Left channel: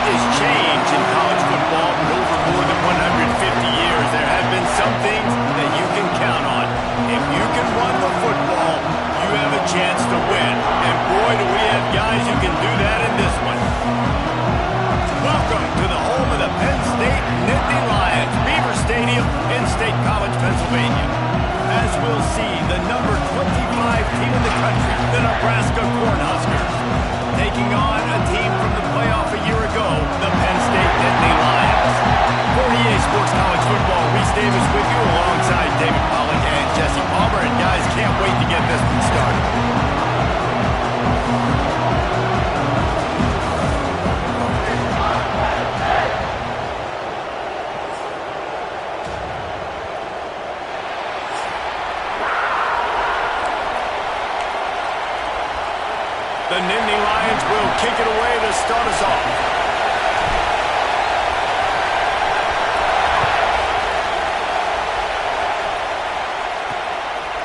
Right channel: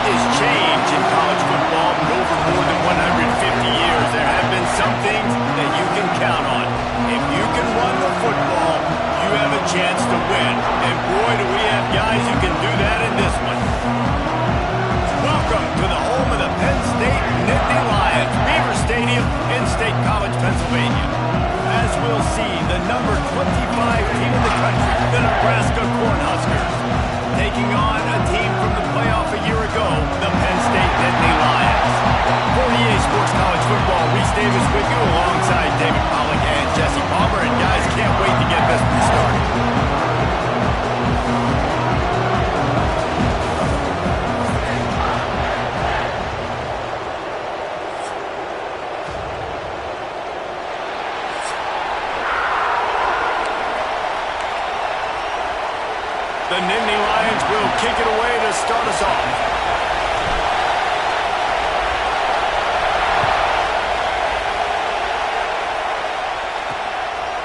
lot has changed in college football, but over more than 150 years, there have been some things that you can count on. If you can run the football, you have a chance to win. And boy, do we have guys who can do that in this one. Welcome to the home of the Penn State Nittany Lions, Beaver Stadium in State College, Pennsylvania. As we'll see, the number 25 team in the country, the Nebraska Cornhuskers, taking on a team from the playoff a year ago, the Penn State Nittany Lions. For EA Sports College Football, Reese Davis with you alongside David Pollack and Jesse Palmer. And guys, can't wait to get this one started. The Nittany Lions will kick it away to start us off.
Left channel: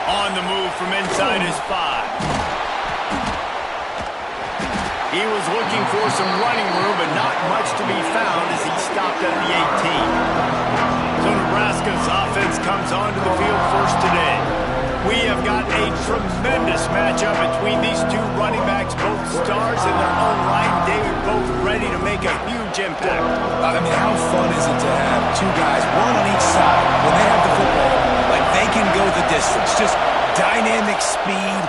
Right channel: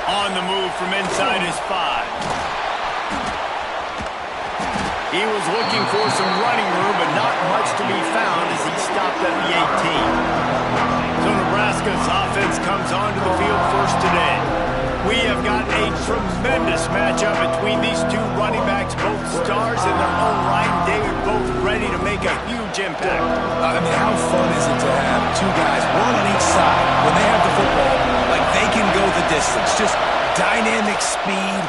On the move from inside his 5. He was looking for some running room, but not much to be found as he stopped at the 18. So Nebraska's offense comes onto the field first today. We have got a tremendous matchup between these two running backs, both stars in their own right. They are both ready to make a huge impact. I mean, how fun is it to have two guys, one on each side, when they have the football, like they can go the distance. Just dynamic speed,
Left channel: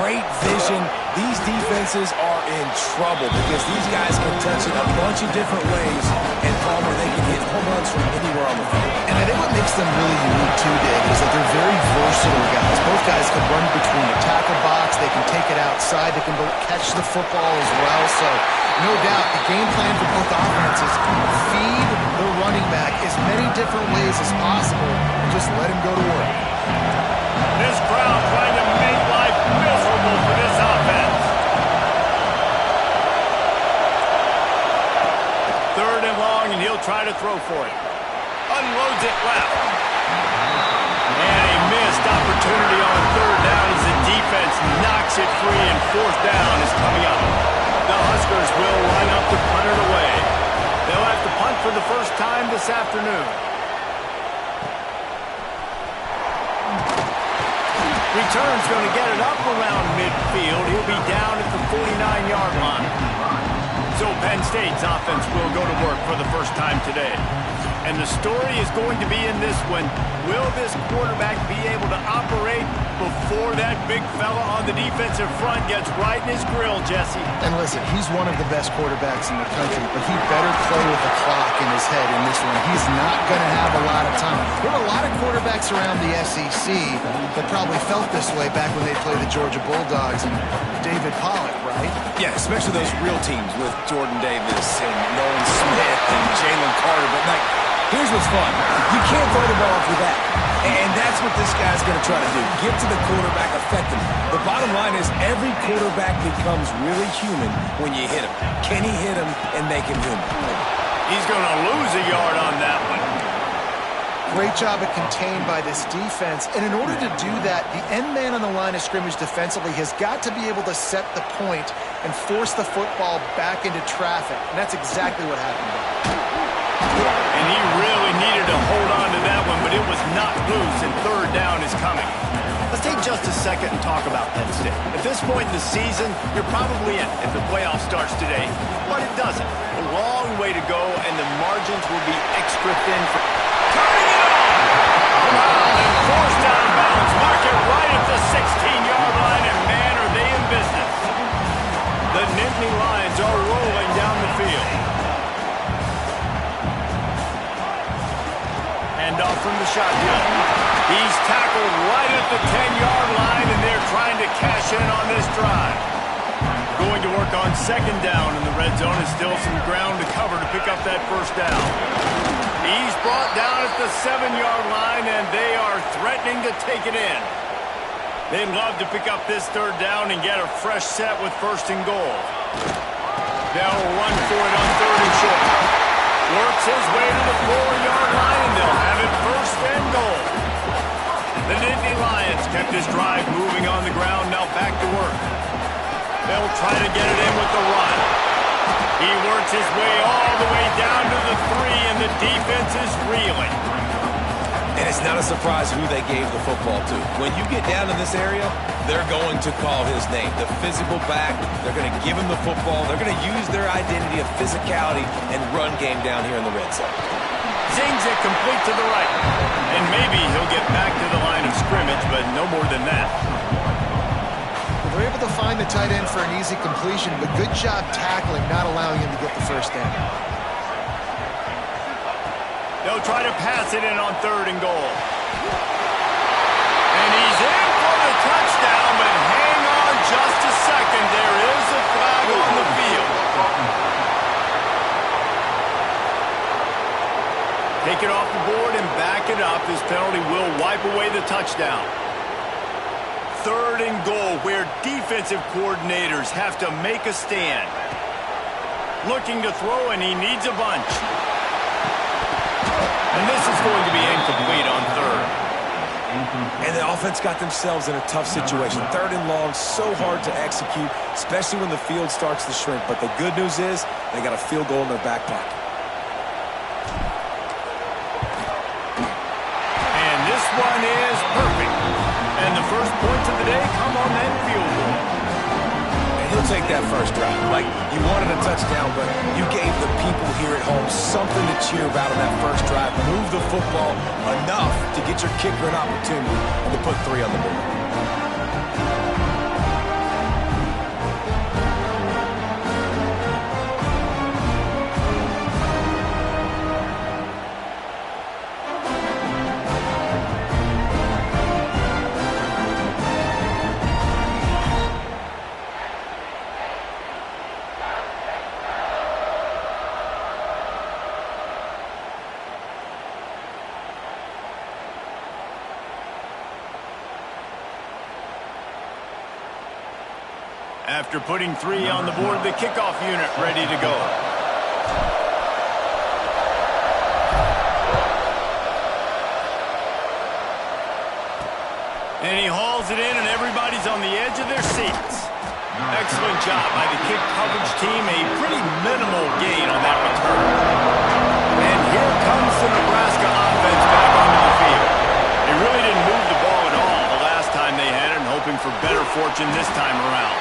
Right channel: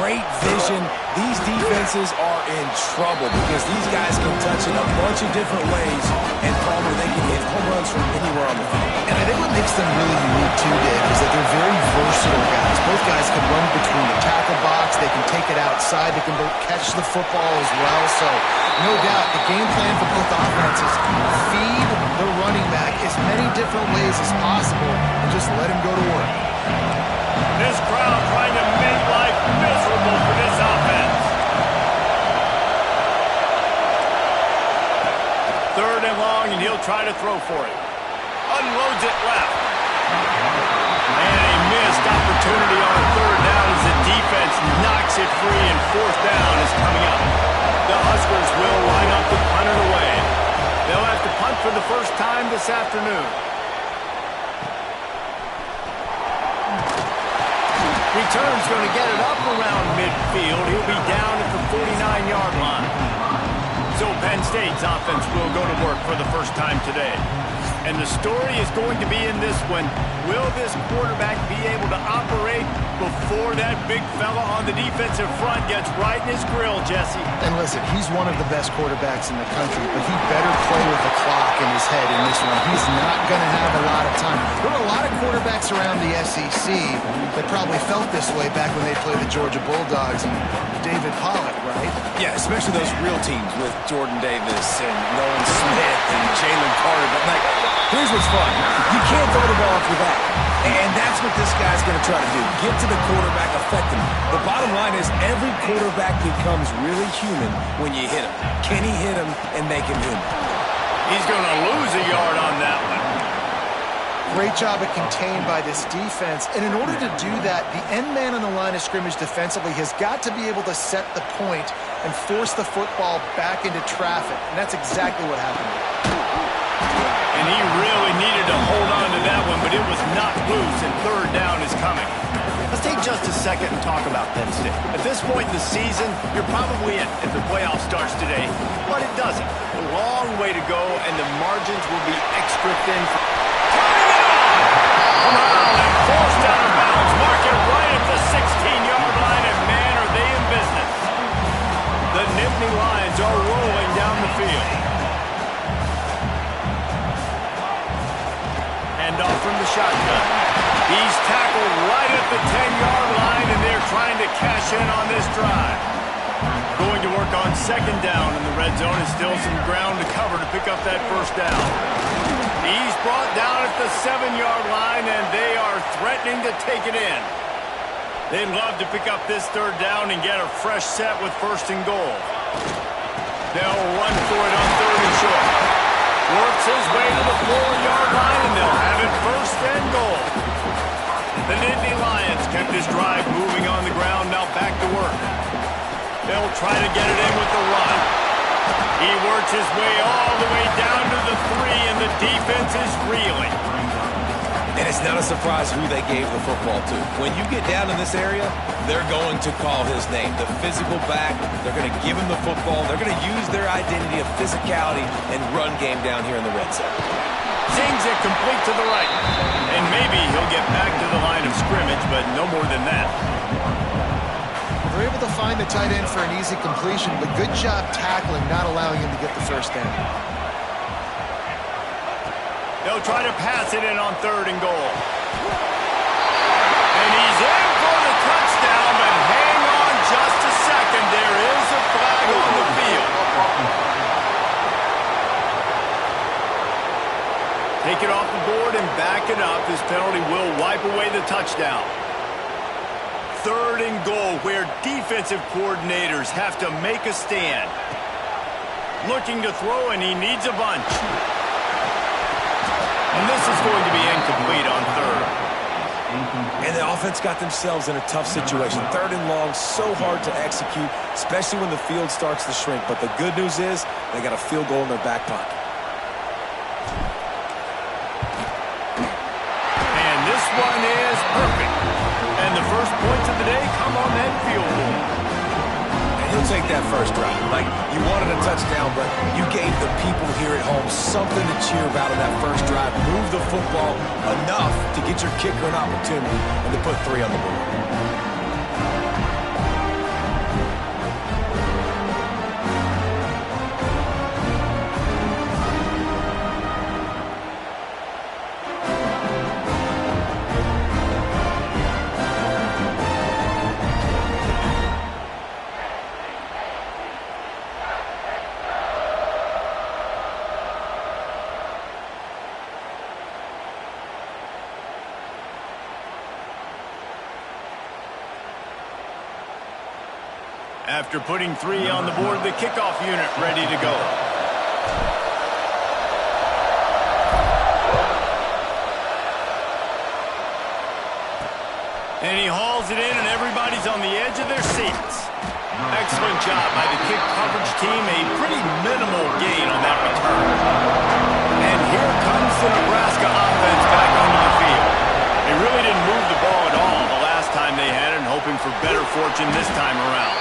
great vision. These defenses are in trouble because these guys can touch it a bunch of different ways, and Palmer, they can hit home runs from anywhere on the field. And I think what makes them really unique too, Dave, is that they're very versatile guys. Both guys can run between the tackle box, they can take it outside, they can both catch the football as well. So no doubt the game plan for both offenses, feed the running back as many different ways as possible and just let him go to work. This crowd trying to make life miserable for this offense. Third and long, and he'll try to throw for it. Unloads it left. And a missed opportunity on third down as the defense knocks it free, and fourth down is coming up. The Huskers will line up to punt it away. They'll have to punt for the first time this afternoon. Return's going to get it up around midfield. He'll be down at the 49-yard line. So Penn State's offense will go to work for the first time today. And the story is going to be in this one. Will this quarterback be able to operate before that big fella on the defensive front gets right in his grill, Jesse? And listen, he's one of the best quarterbacks in the country, but he better play with the clock in his head in this one. He's not going to have a lot of time. There were a lot of quarterbacks around the SEC that probably felt this way back when they played the Georgia Bulldogs and David Pollack, right? Yeah, especially those real teams with Jordan Davis and Nolan Smith and Jalen Carter. But, like, here's what's fun. You can't throw the ball after that. And that's what this guy's going to try to do. Get to the quarterback, affect him. The bottom line is every quarterback becomes really human when you hit him. Can he hit him and make him human? He's going to lose a yard on that one. Great job at contained by this defense. And in order to do that, the end man on the line of scrimmage defensively has got to be able to set the point and force the football back into traffic. And that's exactly what happened. And he really needed to hold on to that one, but it was not loose, and third down is coming. Let's take just a second and talk about Penn State. At this point in the season, you're probably in if the playoff starts today, but it doesn't. A long way to go, and the margins will be extra thin for turning it on. Brown and forced out of bounds. Mark it right at the 16-yard line, and man, are they in business. The Nittany Lions are rolling down the field. Handoff from the shotgun. He's tackled right at the 10-yard line, and they're trying to cash in on this drive. Going to work on second down in the red zone, and still some ground to cover to pick up that first down. He's brought down at the 7-yard line, and they are threatening to take it in. They'd love to pick up this third down and get a fresh set with first and goal. They'll run for it on third and short. Works his way to the 4-yard line, and they'll have it first and goal. The Nittany Lions kept this drive moving on the ground, now back to work. They'll try to get it in with the run. He works his way all the way down to the 3, and the defense is reeling. And it's not a surprise who they gave the football to. When you get down in this area, they're going to call his name. The physical back, they're going to give him the football. They're going to use their identity of physicality and run game down here in the red zone. Zings it complete to the right. And maybe he'll get back to the line of scrimmage, but no more than that. Well, they're able to find the tight end for an easy completion, but good job tackling, not allowing him to get the first down. They'll try to pass it in on 3rd and goal. And he's in for the touchdown, but hang on just a second. There is a flag on the field. Take it off the board and back it up. This penalty will wipe away the touchdown. 3rd and goal, where defensive coordinators have to make a stand. Looking to throw, and he needs a bunch. And this is going to be incomplete on 3rd. And the offense got themselves in a tough situation. 3rd and long, so hard to execute, especially when the field starts to shrink. But the good news is they got a field goal in their back pocket. And this one is perfect. And the first points of the day come on that field goal. He'll take that first drive. Like, you wanted a touchdown, but you gave the people here at home something to cheer about on that first drive. Move the football enough to get your kicker an opportunity and to put 3 on the board. After putting 3 on the board, the kickoff unit ready to go. And he hauls it in, and everybody's on the edge of their seats. Excellent job by the kick coverage team. A pretty minimal gain on that return. And here comes the Nebraska offense back onto the field. They really didn't move the ball at all the last time they had it, and hoping for better fortune this time around.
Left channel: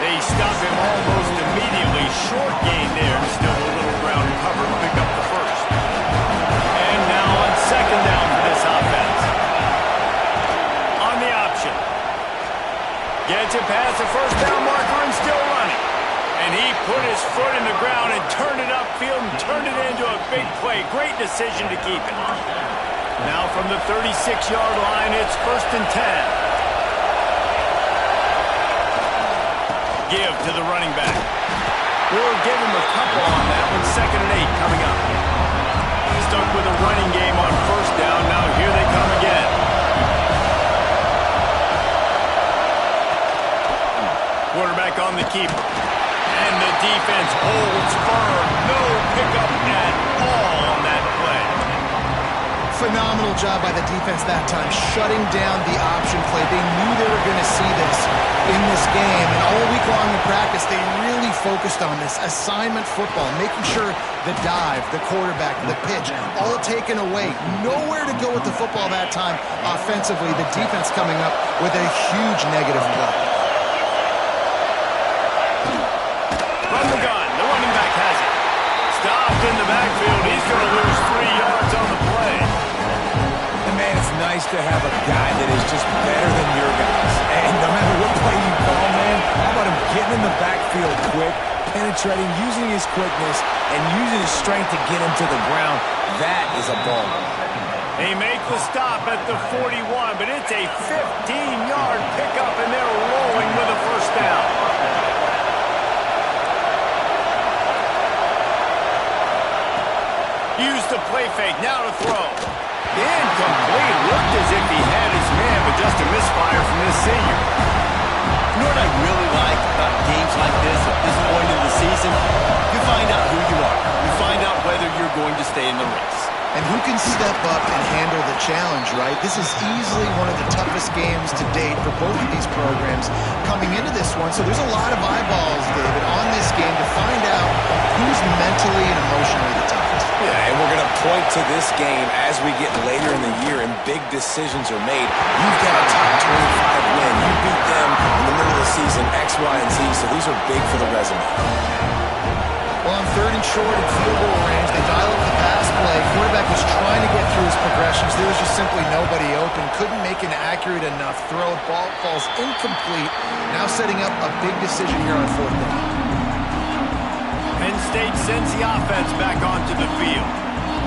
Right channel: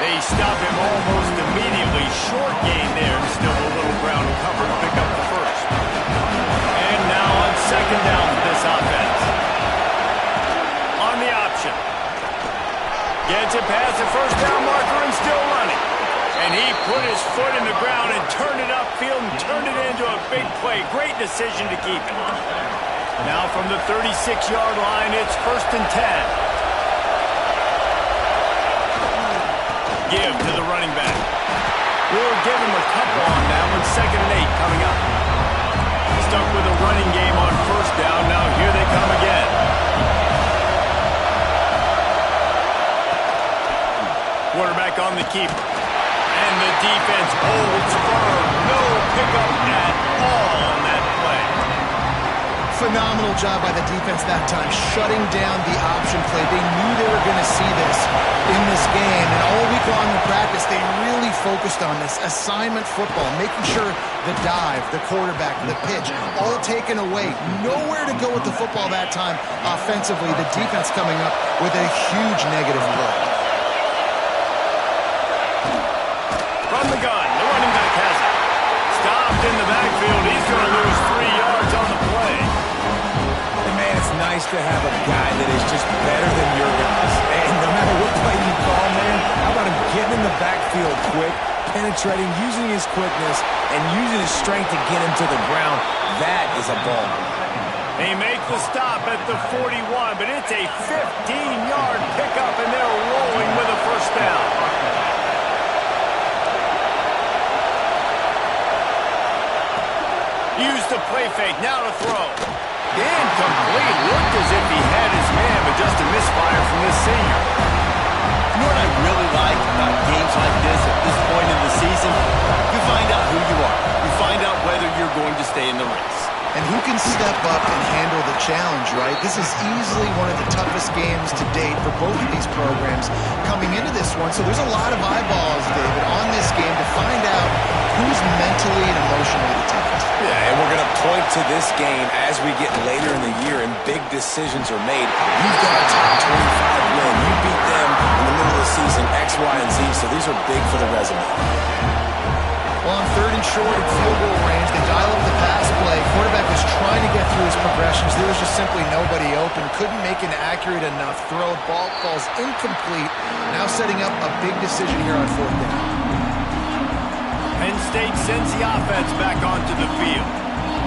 They stop him almost immediately. Short gain there, and still a little ground to cover to pick up the first. And now on 2nd down for this offense. On the option. Gets it past the first down marker and still running. And he put his foot in the ground and turned it upfield and turned it into a big play. Great decision to keep it. Now from the 36-yard line, it's 1st and 10. Give to the running back. We'll give him a couple on that one. 2nd and 8 coming up. Stuck with a running game on 1st down. Now here they come again. Quarterback on the keeper. And the defense holds firm. No pickup at all on that play. Phenomenal job by the defense that time, shutting down the option play. They knew they were going to see this in this game, and all week long in practice, they really focused on this assignment football, making sure the dive, the quarterback, the pitch, all taken away. Nowhere to go with the football that time offensively. The defense coming up with a huge negative play. From the gun, the running back has it. Stopped in the backfield. He's going to lose 3 yards on the play. And, man, it's nice to have a guy that is just better than your guys. And no matter what play you call, man, how about him getting in the backfield quick, penetrating, using his quickness, and using his strength to get him to the ground? That is a ball. They make the stop at the 41, but it's a 15-yard pickup, and they're rolling with a first down. Use the play fake, now to throw. Incomplete. Looked as if he had his man, but just a misfire from this senior. You know what I really like about games like this at this point in the season? You find out who you are. You find out whether you're going to stay in the race. And who can step up and handle the challenge, right? This is easily one of the toughest games to date for both of these programs coming into this one. So there's a lot of eyeballs, David, on this game to find out who's mentally and emotionally the toughest. Yeah, and we're going to point to this game as we get later in the year and big decisions are made. You've got a top 25 win. You beat them in the middle of the season, X, Y, and Z. So these are big for the resume. Well, on 3rd and short at field goal range, they dial up the pass play. Quarterback was trying to get through his progressions. There was just simply nobody open. Couldn't make an accurate enough throw. Ball falls incomplete. Now setting up a big decision here on 4th down. Penn State sends the offense back onto the field.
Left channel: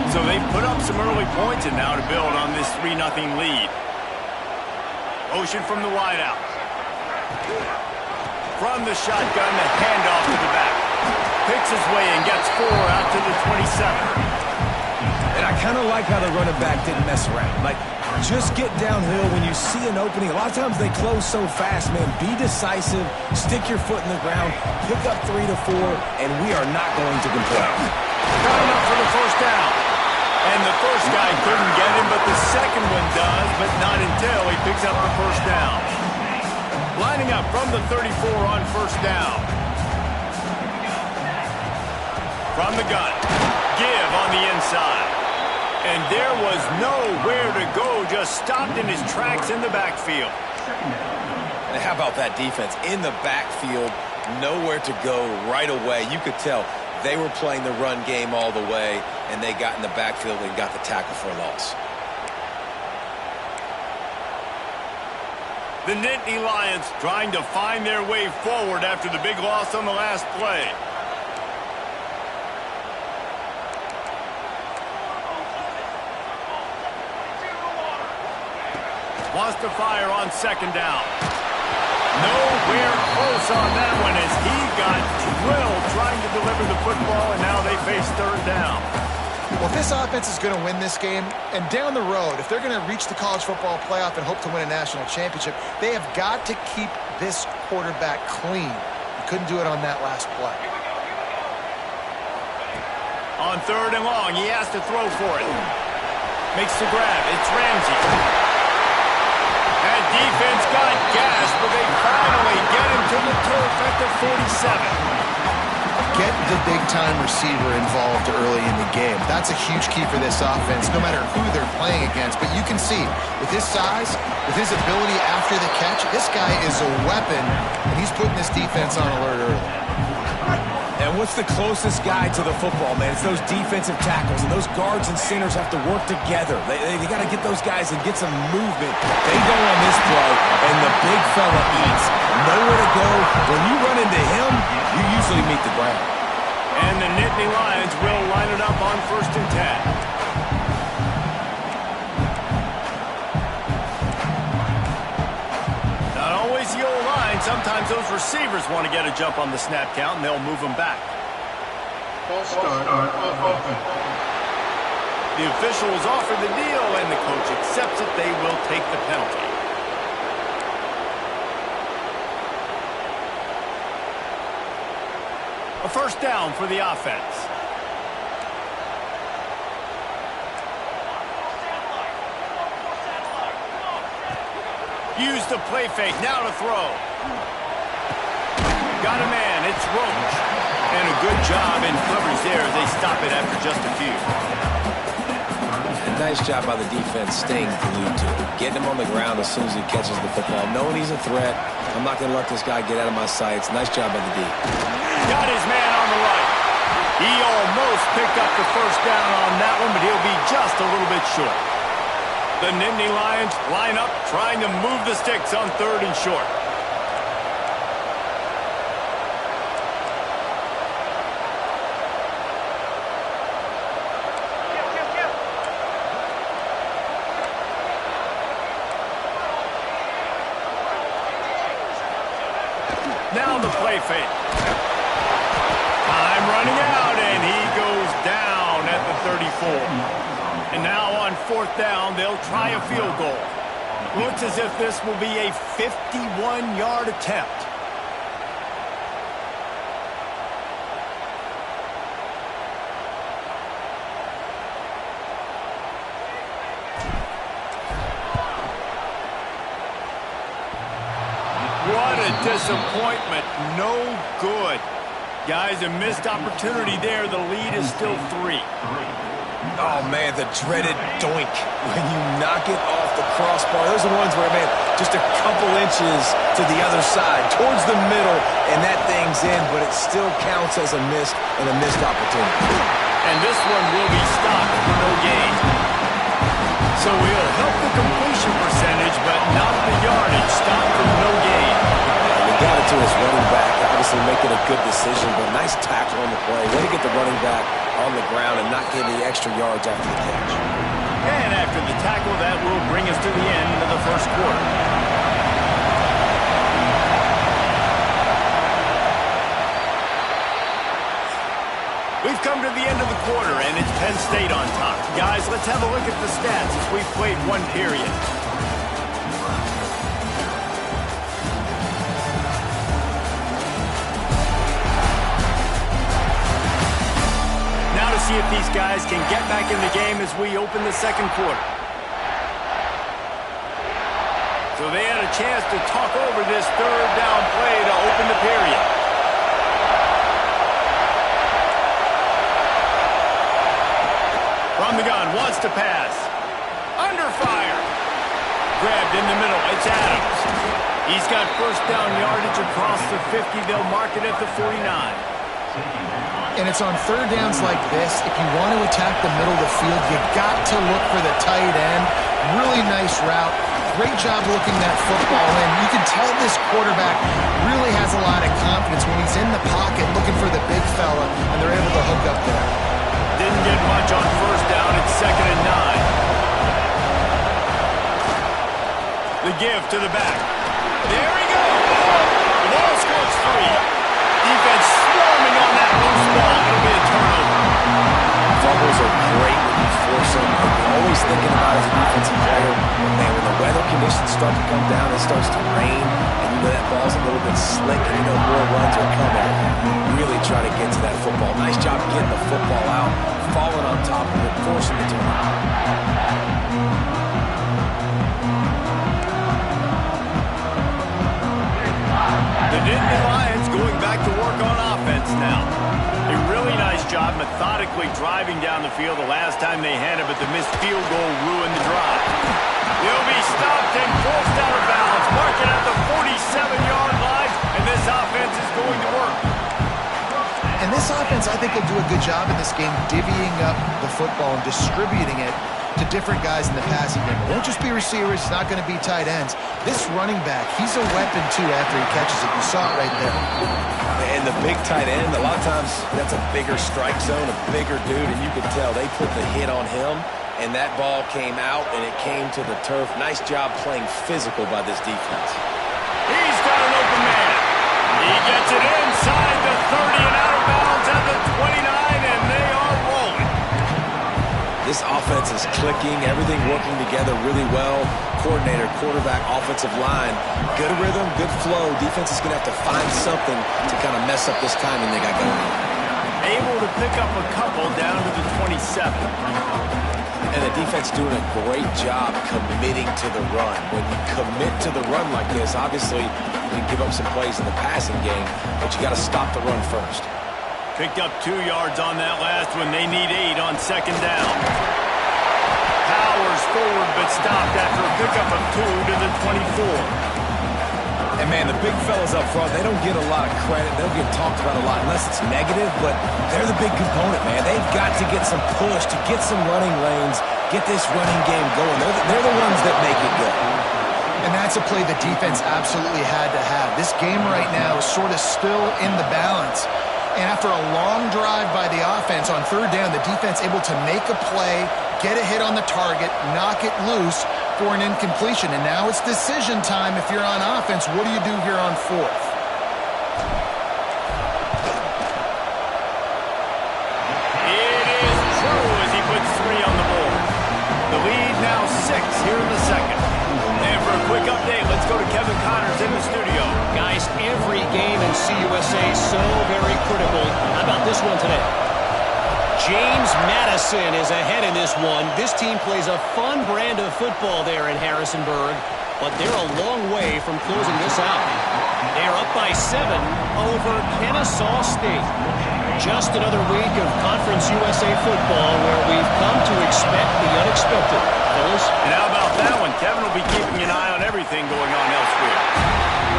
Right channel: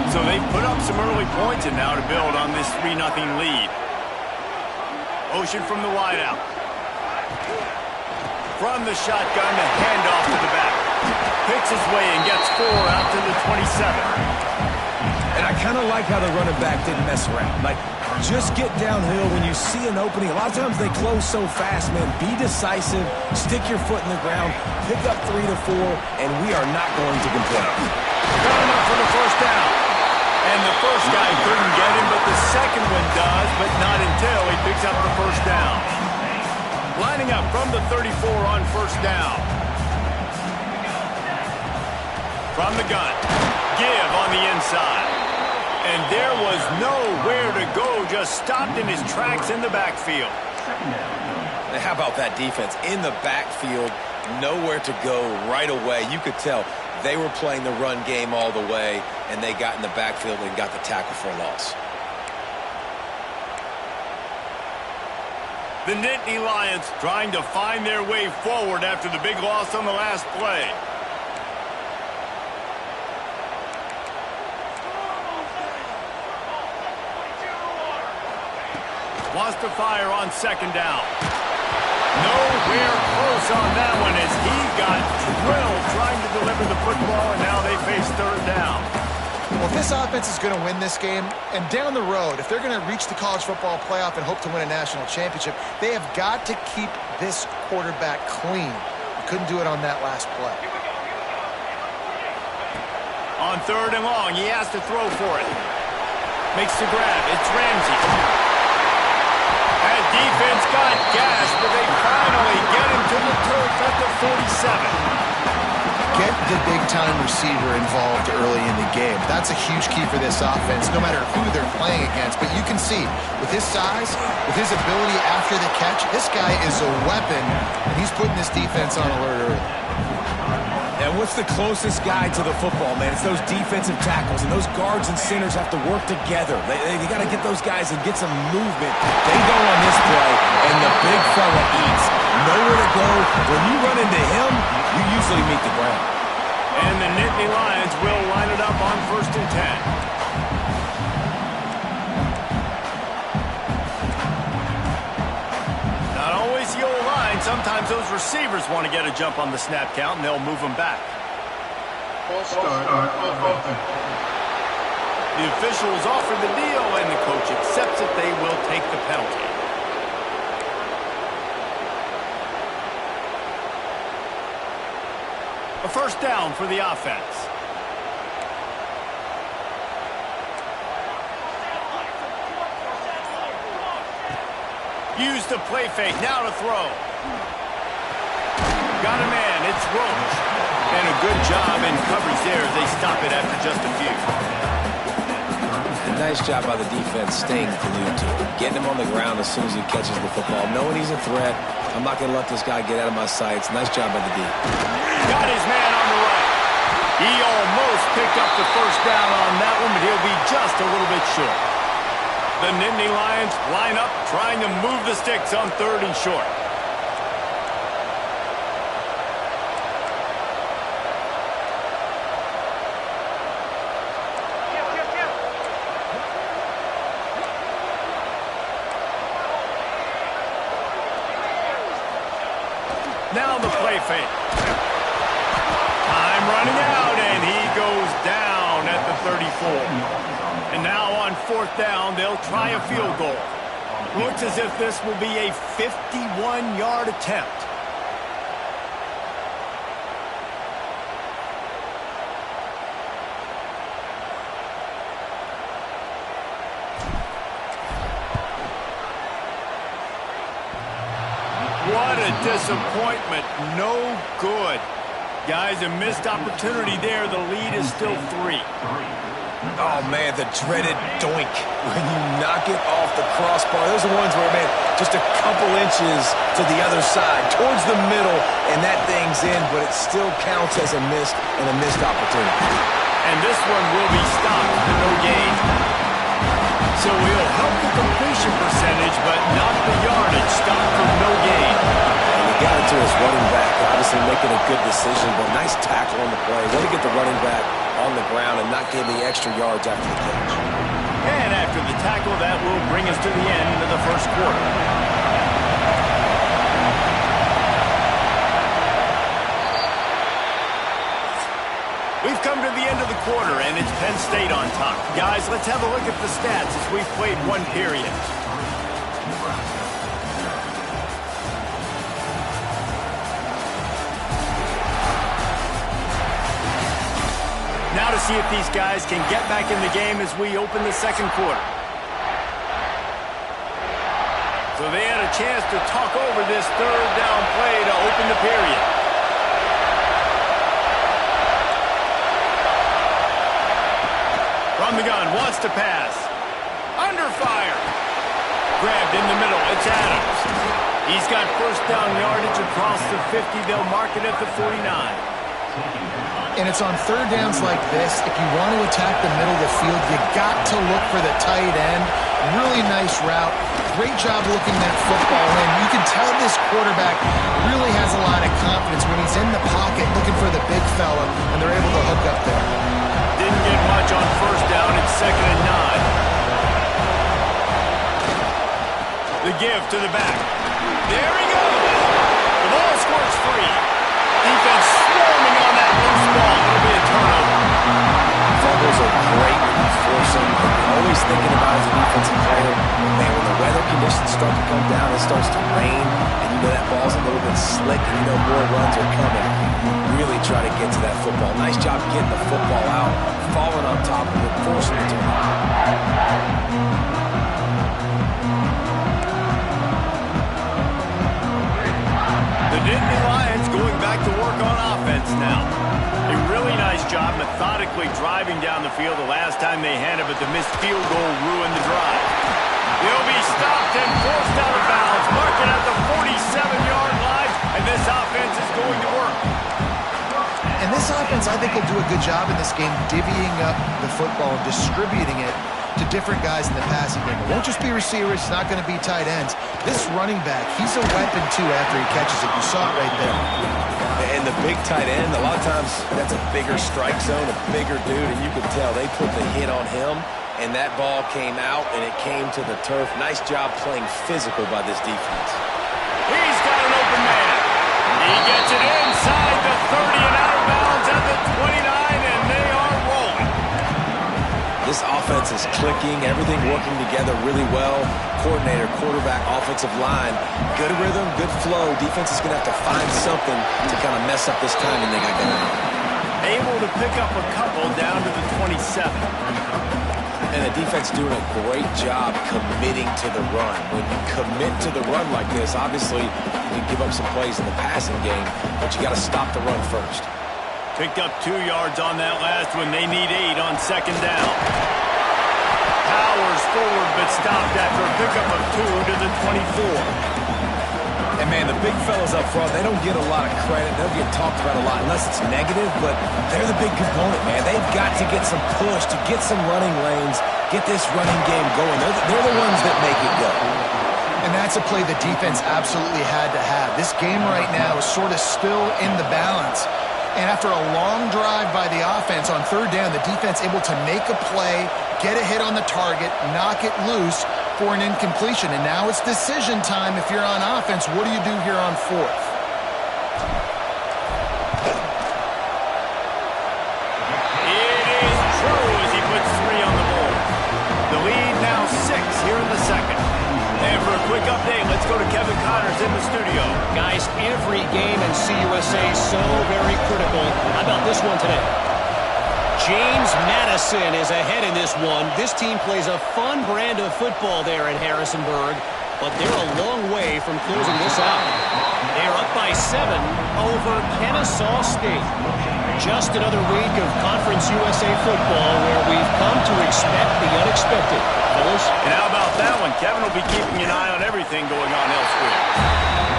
So they put up some early points and now to build on this 3-0 lead. Motion from the wideout. From the shotgun, the handoff to the back. Picks his way and gets 4 out to the 27. And I kind of like how the running back didn't mess around. Like, just get downhill when you see an opening. A lot of times they close so fast, man. Be decisive, stick your foot in the ground, pick up 3 to 4, and we are not going to complain. Got him up for the first down. And the first guy couldn't get him, but the second one does, but not until he picks up the first down. Lining up from the 34 on first down. From the gun, give on the inside. And there was nowhere to go, just stopped in his tracks in the backfield. And how about that defense? In the backfield, nowhere to go right away. You could tell they were playing the run game all the way, and they got in the backfield and got the tackle for a loss. The Nittany Lions trying to find their way forward after the big loss on the last play. Wants to fire on 2nd down. Nowhere close on that one as he got drilled trying to deliver the football, and now they face 3rd down. Well, if this offense is going to win this game, and down the road, if they're going to reach the college football playoff and hope to win a national championship, they have got to keep this quarterback clean. You couldn't do it on that last play. On 3rd and long, he has to throw for it. Makes the grab. It's Ramsey. That defense got gashed, but they finally get him to the turf at the 47. Get the big-time receiver involved early in the game. That's a huge key for this offense, no matter who they're playing against. But you can see, with his size, with his ability after the catch, this guy is a weapon, and he's putting this defense on alert early. And what's the closest guy to the football, man? It's those defensive tackles, and those guards and centers have to work together. They got to get those guys and get some movement. They go on this play, and the big fella eats. Nowhere to go. When you run into him, you usually meet the ground. And the Nittany Lions will line it up on 1st and 10. Not always the old line. Sometimes those receivers want to get a jump on the snap count, and they'll move them back. False start on offense. The officials offer the deal, and the coach accepts it. They will take the penalty. A first down for the offense. Use the play fake, now to throw. Got a man, it's Roach. And a good job in coverage there as they stop it after just a few. And nice job by the defense staying glued to it. Getting him on the ground as soon as he catches the football. Knowing he's a threat, I'm not going to let this guy get out of my sights. Nice job by the D. Got his man on the right. He almost picked up the first down on that one, but he'll be just a little bit short. The Nittany Lions line up, trying to move the sticks on 3rd and short. Now the play fake. Time running out, and he goes down at the 34. And now on 4th down, they'll try a field goal. Looks as if this will be a 51-yard attempt. What a disappointment. No good. Guys, a missed opportunity there. The lead is still 3. Oh, man, the dreaded doink when you knock it off the crossbar. Those are ones where, man, just a couple inches to the other side, towards the middle, and that thing's in, but it still counts as a missed opportunity. And this one will be stopped for no gain. So he'll help the completion percentage, but not the yardage. Stop for no gain. And he got it to his running back, obviously making a good decision, but nice tackle on the play. Way to get the running back on the ground and not give the extra yards after the catch. And after the tackle, that will bring us to the end of the first quarter. We've come to the end of the quarter, and it's Penn State on top. Guys, let's have a look at the stats as we've played one period. Now to see if these guys can get back in the game as we open the second quarter. So they had a chance to talk over this third down play to open the period. From the gun, wants to pass. Under fire. Grabbed in the middle, it's Adams. He's got first down yardage across the 50. They'll mark it at the 49. And it's on third downs like this, if you want to attack the middle of the field, you got to look for the tight end. Really nice route. Great job looking that football in. You can tell this quarterback really has a lot of confidence when he's in the pocket looking for the big fella, and they're able to hook up there. Didn't get much on first down. It's 2nd and 9. The give to the back. There he goes. The ball squirts free. Defense swarming on that loose ball. It'll be a turnover. Fumbles are great when you force them. You're always thinking about as a defensive player, man, when the weather conditions start to come down, it starts to rain, and you know that ball's a little bit slick, and you know more runs are coming. Really try to get to that football. Nice job getting the football out, falling on top of it, forcing the turnover. The Nittany Lions going back to work on offense now. A really nice job methodically driving down the field the last time they had it, but the missed field goal ruined the drive. He'll be stopped and forced out of bounds. Mark it at the 47-yard line, and this offense is going to work. And this offense, I think, will do a good job in this game divvying up the football and distributing it to different guys in the passing game. It won't just be receivers. It's not going to be tight ends. This running back, he's a weapon, too, after he catches it. You saw it right there. And the big tight end, a lot of times that's a bigger strike zone, a bigger dude, and you could tell they put the hit on him, and that ball came out, and it came to the turf. Nice job playing physical by this defense. He's got an open man. He gets it inside the 30 and out of bounds at the 29, and they are rolling. This offense is clicking, everything working together really well. Coordinator, quarterback, offensive line, good rhythm, good flow. Defense is going to have to find something to kind of mess up this timing they got going on. Able to pick up a couple down to the 27. And the defense doing a great job committing to the run. When you commit to the run like this, obviously you can give up some plays in the passing game, but you got to stop the run first. Picked up 2 yards on that last one. They need 8 on 2nd down. Powers forward, but stopped after a pickup of 2 to the 24. And, man, the big fellas up front, they don't get a lot of credit. They don't get talked about a lot unless it's negative, but they're the big component, man. They've got to get some push, to get some running lanes, get this running game going. They're the ones that make it go. And that's a play the defense absolutely had to have. This game right now is sort of still in the balance. And after a long drive by the offense on 3rd down, the defense able to make a play, get a hit on the target, knock it loose for an incompletion. And now it's decision time if you're on offense. What do you do here on 4th? It is true as he puts 3 on the board. The lead now 6 here in the second. And for a quick update, let's go to Kevin Connors in the studio. Guys, every game in CUSA so very critical. How about this one today? James Madison is ahead in this one. This team plays a fun brand of football there in Harrisonburg. but they're a long way from closing this out. They're up by 7 over Kennesaw State. Just another week of Conference USA football where we've come to expect the unexpected. Fellas? And how about that one? Kevin will be keeping an eye on everything going on elsewhere.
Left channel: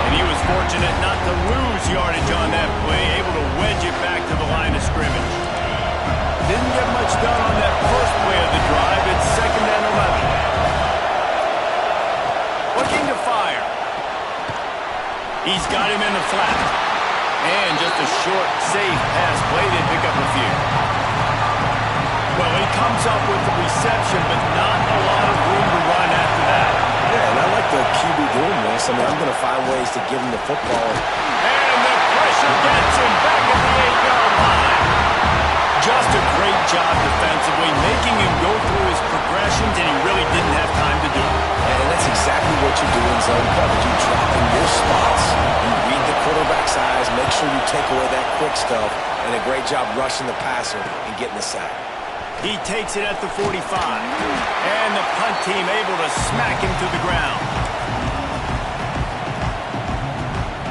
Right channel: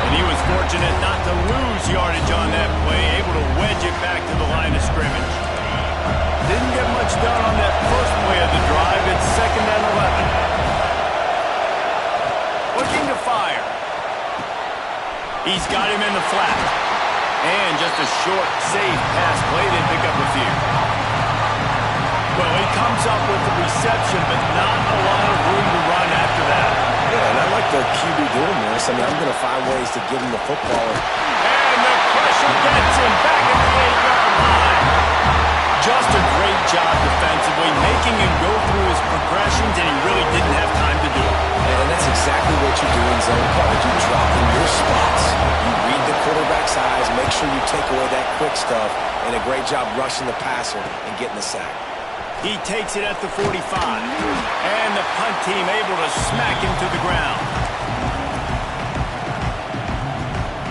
And he was fortunate not to lose yardage on that play, able to wedge it back to the line of scrimmage. Didn't get much done on that first play of the drive. It's 2nd and 11. Looking to fire. He's got him in the flat. And just a short, safe pass play. They pick up a few. Well, he comes up with the reception, but not a lot of room to run after that. Yeah, and I like the QB doing this. I mean, I'm going to find ways to give him the football. And the pressure gets him back at the 8-yard line. Just a great job defensively, making him go through his progressions, and he really didn't have time to do it. And that's exactly what you do in zone coverage. You drop in your spots. You read the quarterback's eyes, make sure you take away that quick stuff, and a great job rushing the passer and getting the sack. He takes it at the 45, and the punt team able to smack him to the ground.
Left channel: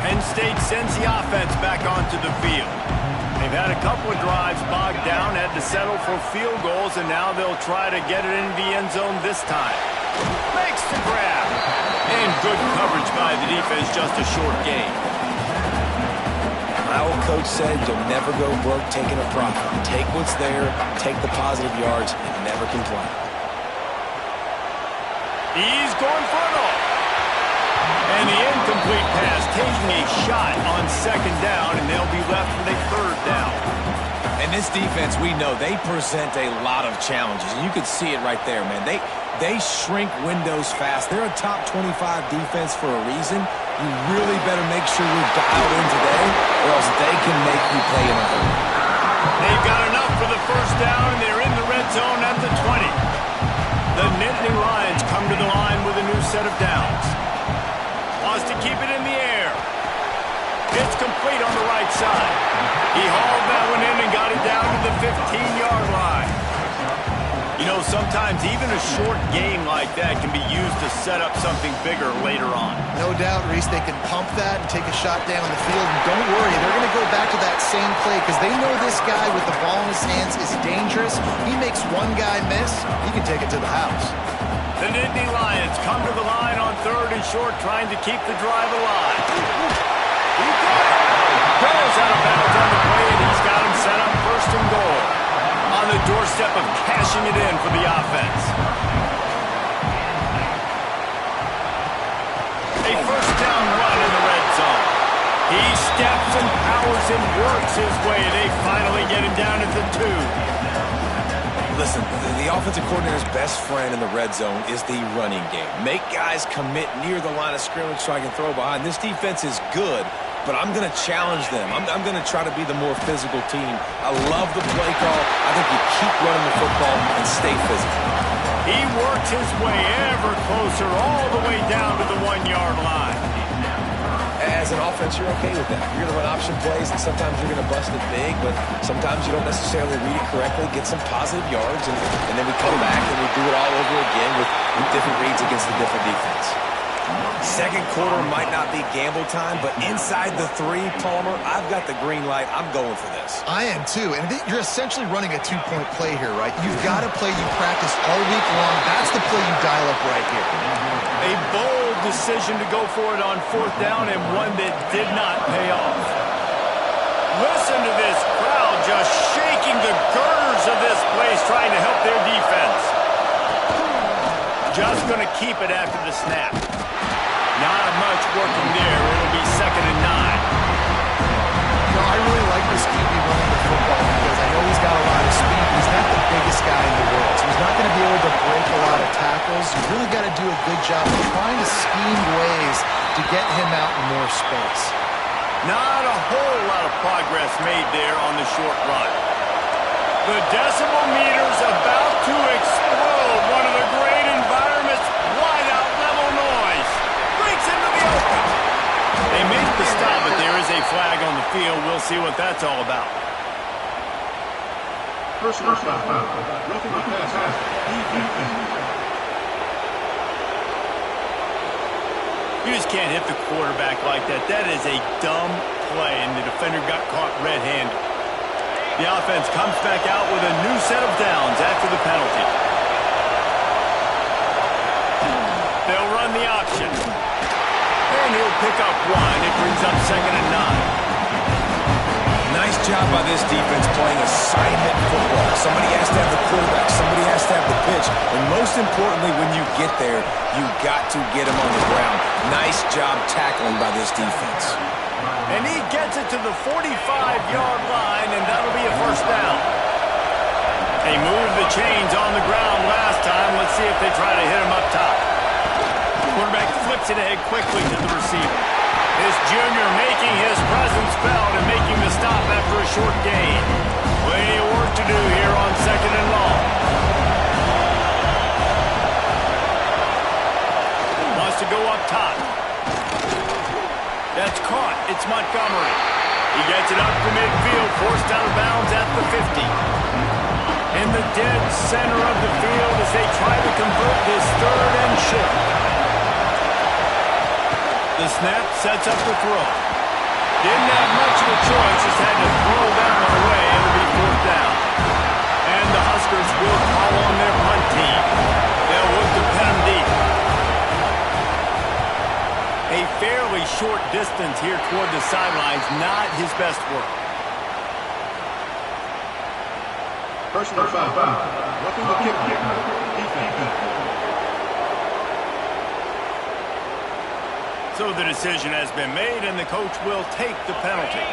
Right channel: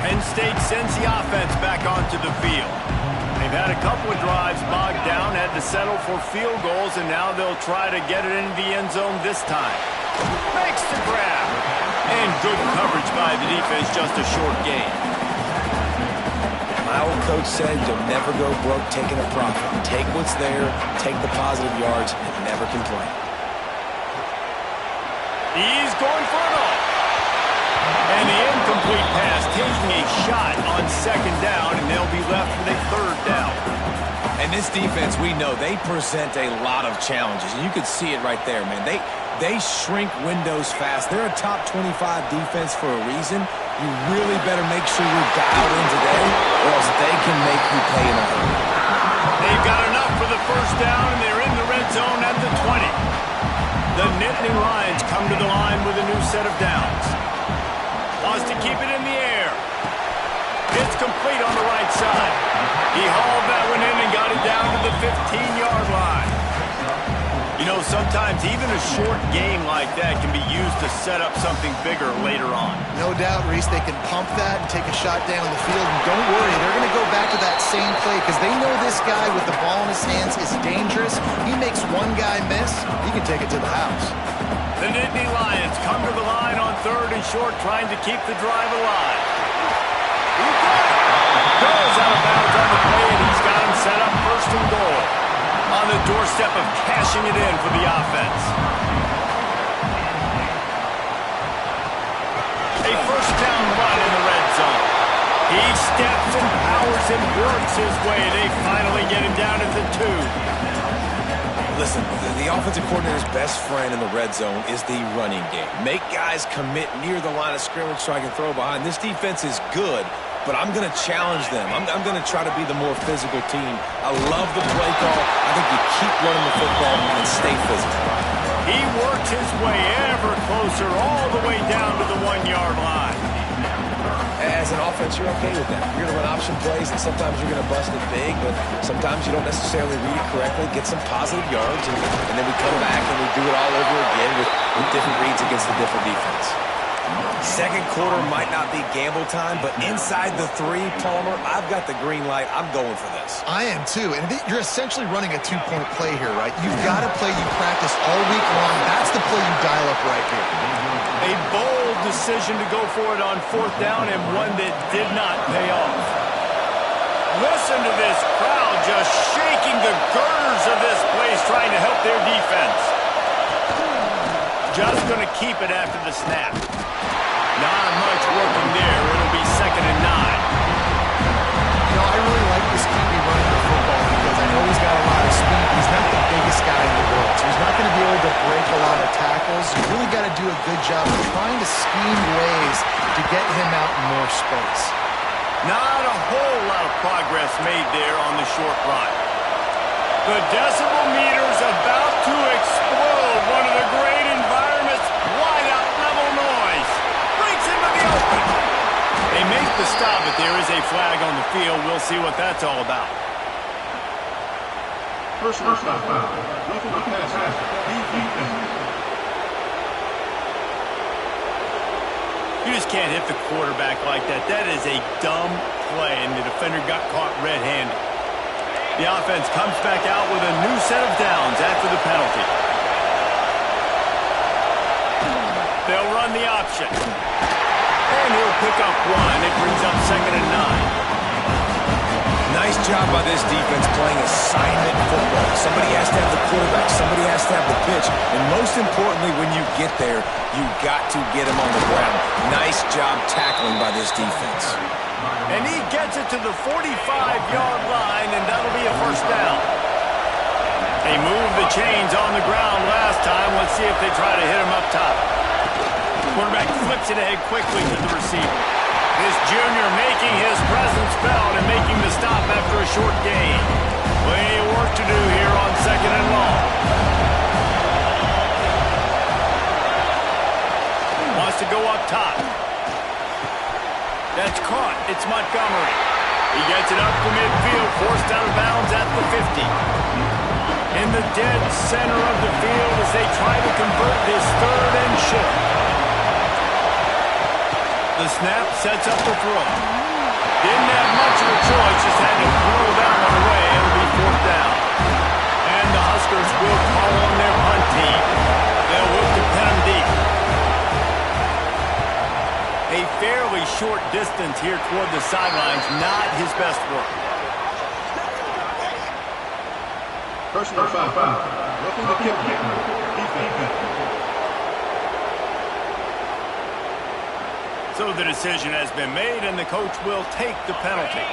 Penn State sends the offense back onto the field. They've had a couple of drives bogged down, had to settle for field goals, and now they'll try to get it into the end zone this time. Makes the grab. And good coverage by the defense, just a short gain. My old coach said you'll never go broke taking a profit. Take what's there, take the positive yards, and never complain. He's going for it all. And the incomplete pass taking a shot on 2nd down, and they'll be left with a 3rd down. And this defense, we know, they present a lot of challenges. And you could see it right there, man. They shrink windows fast. They're a top 25 defense for a reason. You really better make sure you're dialed in today, or else they can make you pay in a hurry. They've got enough for the 1st down, and they're in the red zone at the 20. The Nittany Lions come to the line with a new set of downs. Wants to keep it in the air. It's complete on the right side. He hauled that one in and got it down to the 15-yard line. You know, sometimes even a short game like that can be used to set up something bigger later on. No doubt, Reese, they can pump that and take a shot down the field. And don't worry, they're going to go back to that same play because they know this guy with the ball in his hands is dangerous. He makes one guy miss, he can take it to the house. The Nittany Lions come to the line on 3rd and short, trying to keep the drive alive. He got it. Goes out of bounds on the play, and he's got him set up 1st and goal. On the doorstep of cashing it in for the offense. A 1st down run in the red zone. He steps and powers and works his way. They finally get him down at the 2. Listen, the offensive coordinator's best friend in the red zone is the running game. Make guys commit near the line of scrimmage so I can throw behind. This defense is good, but I'm going to challenge them. I'm going to try to be the more physical team. I love the play call. I think you keep running the football and stay physical. He works his way ever closer all the way down to the 1-yard line. As an offense, you're okay with that. You're going to run option plays, and sometimes you're going to bust it big, but sometimes you don't necessarily read it correctly, get some positive yards, and then we come back and we do it all over again with different reads against a different defense. 2nd quarter might not be gamble time, but inside the 3, Palmer, I've got the green light. I'm going for this. I am too, and you're essentially running a 2-point play here, right? You've got to play you practiced all week long. That's the play you dial up right here. A bold decision to go for it on 4th down, and one that did not pay off. Listen to this crowd just shaking the girders of this place, trying to help their defense. Just going to keep it after the snap. Not much working there. It'll be 2nd and 9. You know, I really like this QB running the football because I know he's got a lot of speed, but he's not the biggest guy in the world. So he's not going to be able to break a lot of tackles. You really got to do a good job of trying to scheme ways to get him out in more space. Not a whole lot of progress made there on the short run. The decibel meter's about to explode. One of the great environments, wide out level noise. Breaks into the open. They make the stop, but there is a flag on the field. We'll see what that's all about. Personal foul. Roughing the passer. Defense. You just can't hit the quarterback like that. That is a dumb play, and the defender got caught red-handed. The offense comes back out with a new set of downs after the penalty. They'll run the option. And he'll pick up one. It brings up 2nd and 9. Nice job by this defense playing assignment football. Somebody has to have the quarterback. Somebody has to have the pitch. And most importantly, when you get there, you got to get him on the ground. Nice job tackling by this defense. And he gets it to the 45-yard line, and that'll be a 1st down. They moved the chains on the ground last time. Let's see if they try to hit him up top. Quarterback flips it ahead quickly to the receiver. This junior making his presence felt and making the stop after a short gain. Plenty of work to do here on 2nd and long. Wants to go up top. That's caught. It's Montgomery. He gets it up to midfield, forced out of bounds at the 50. In the dead center of the field as they try to convert this 3rd and short. The snap sets up the throw. Didn't have much of a choice, just had to throw that one away. It'll be 4th down. And the Huskers will call on their punt team. They'll look to pin them deep. A fairly short distance here toward the sidelines, not his best work. Personal foul. Roughing the kick. Defense. So the decision has been made, and the coach will take the penalty.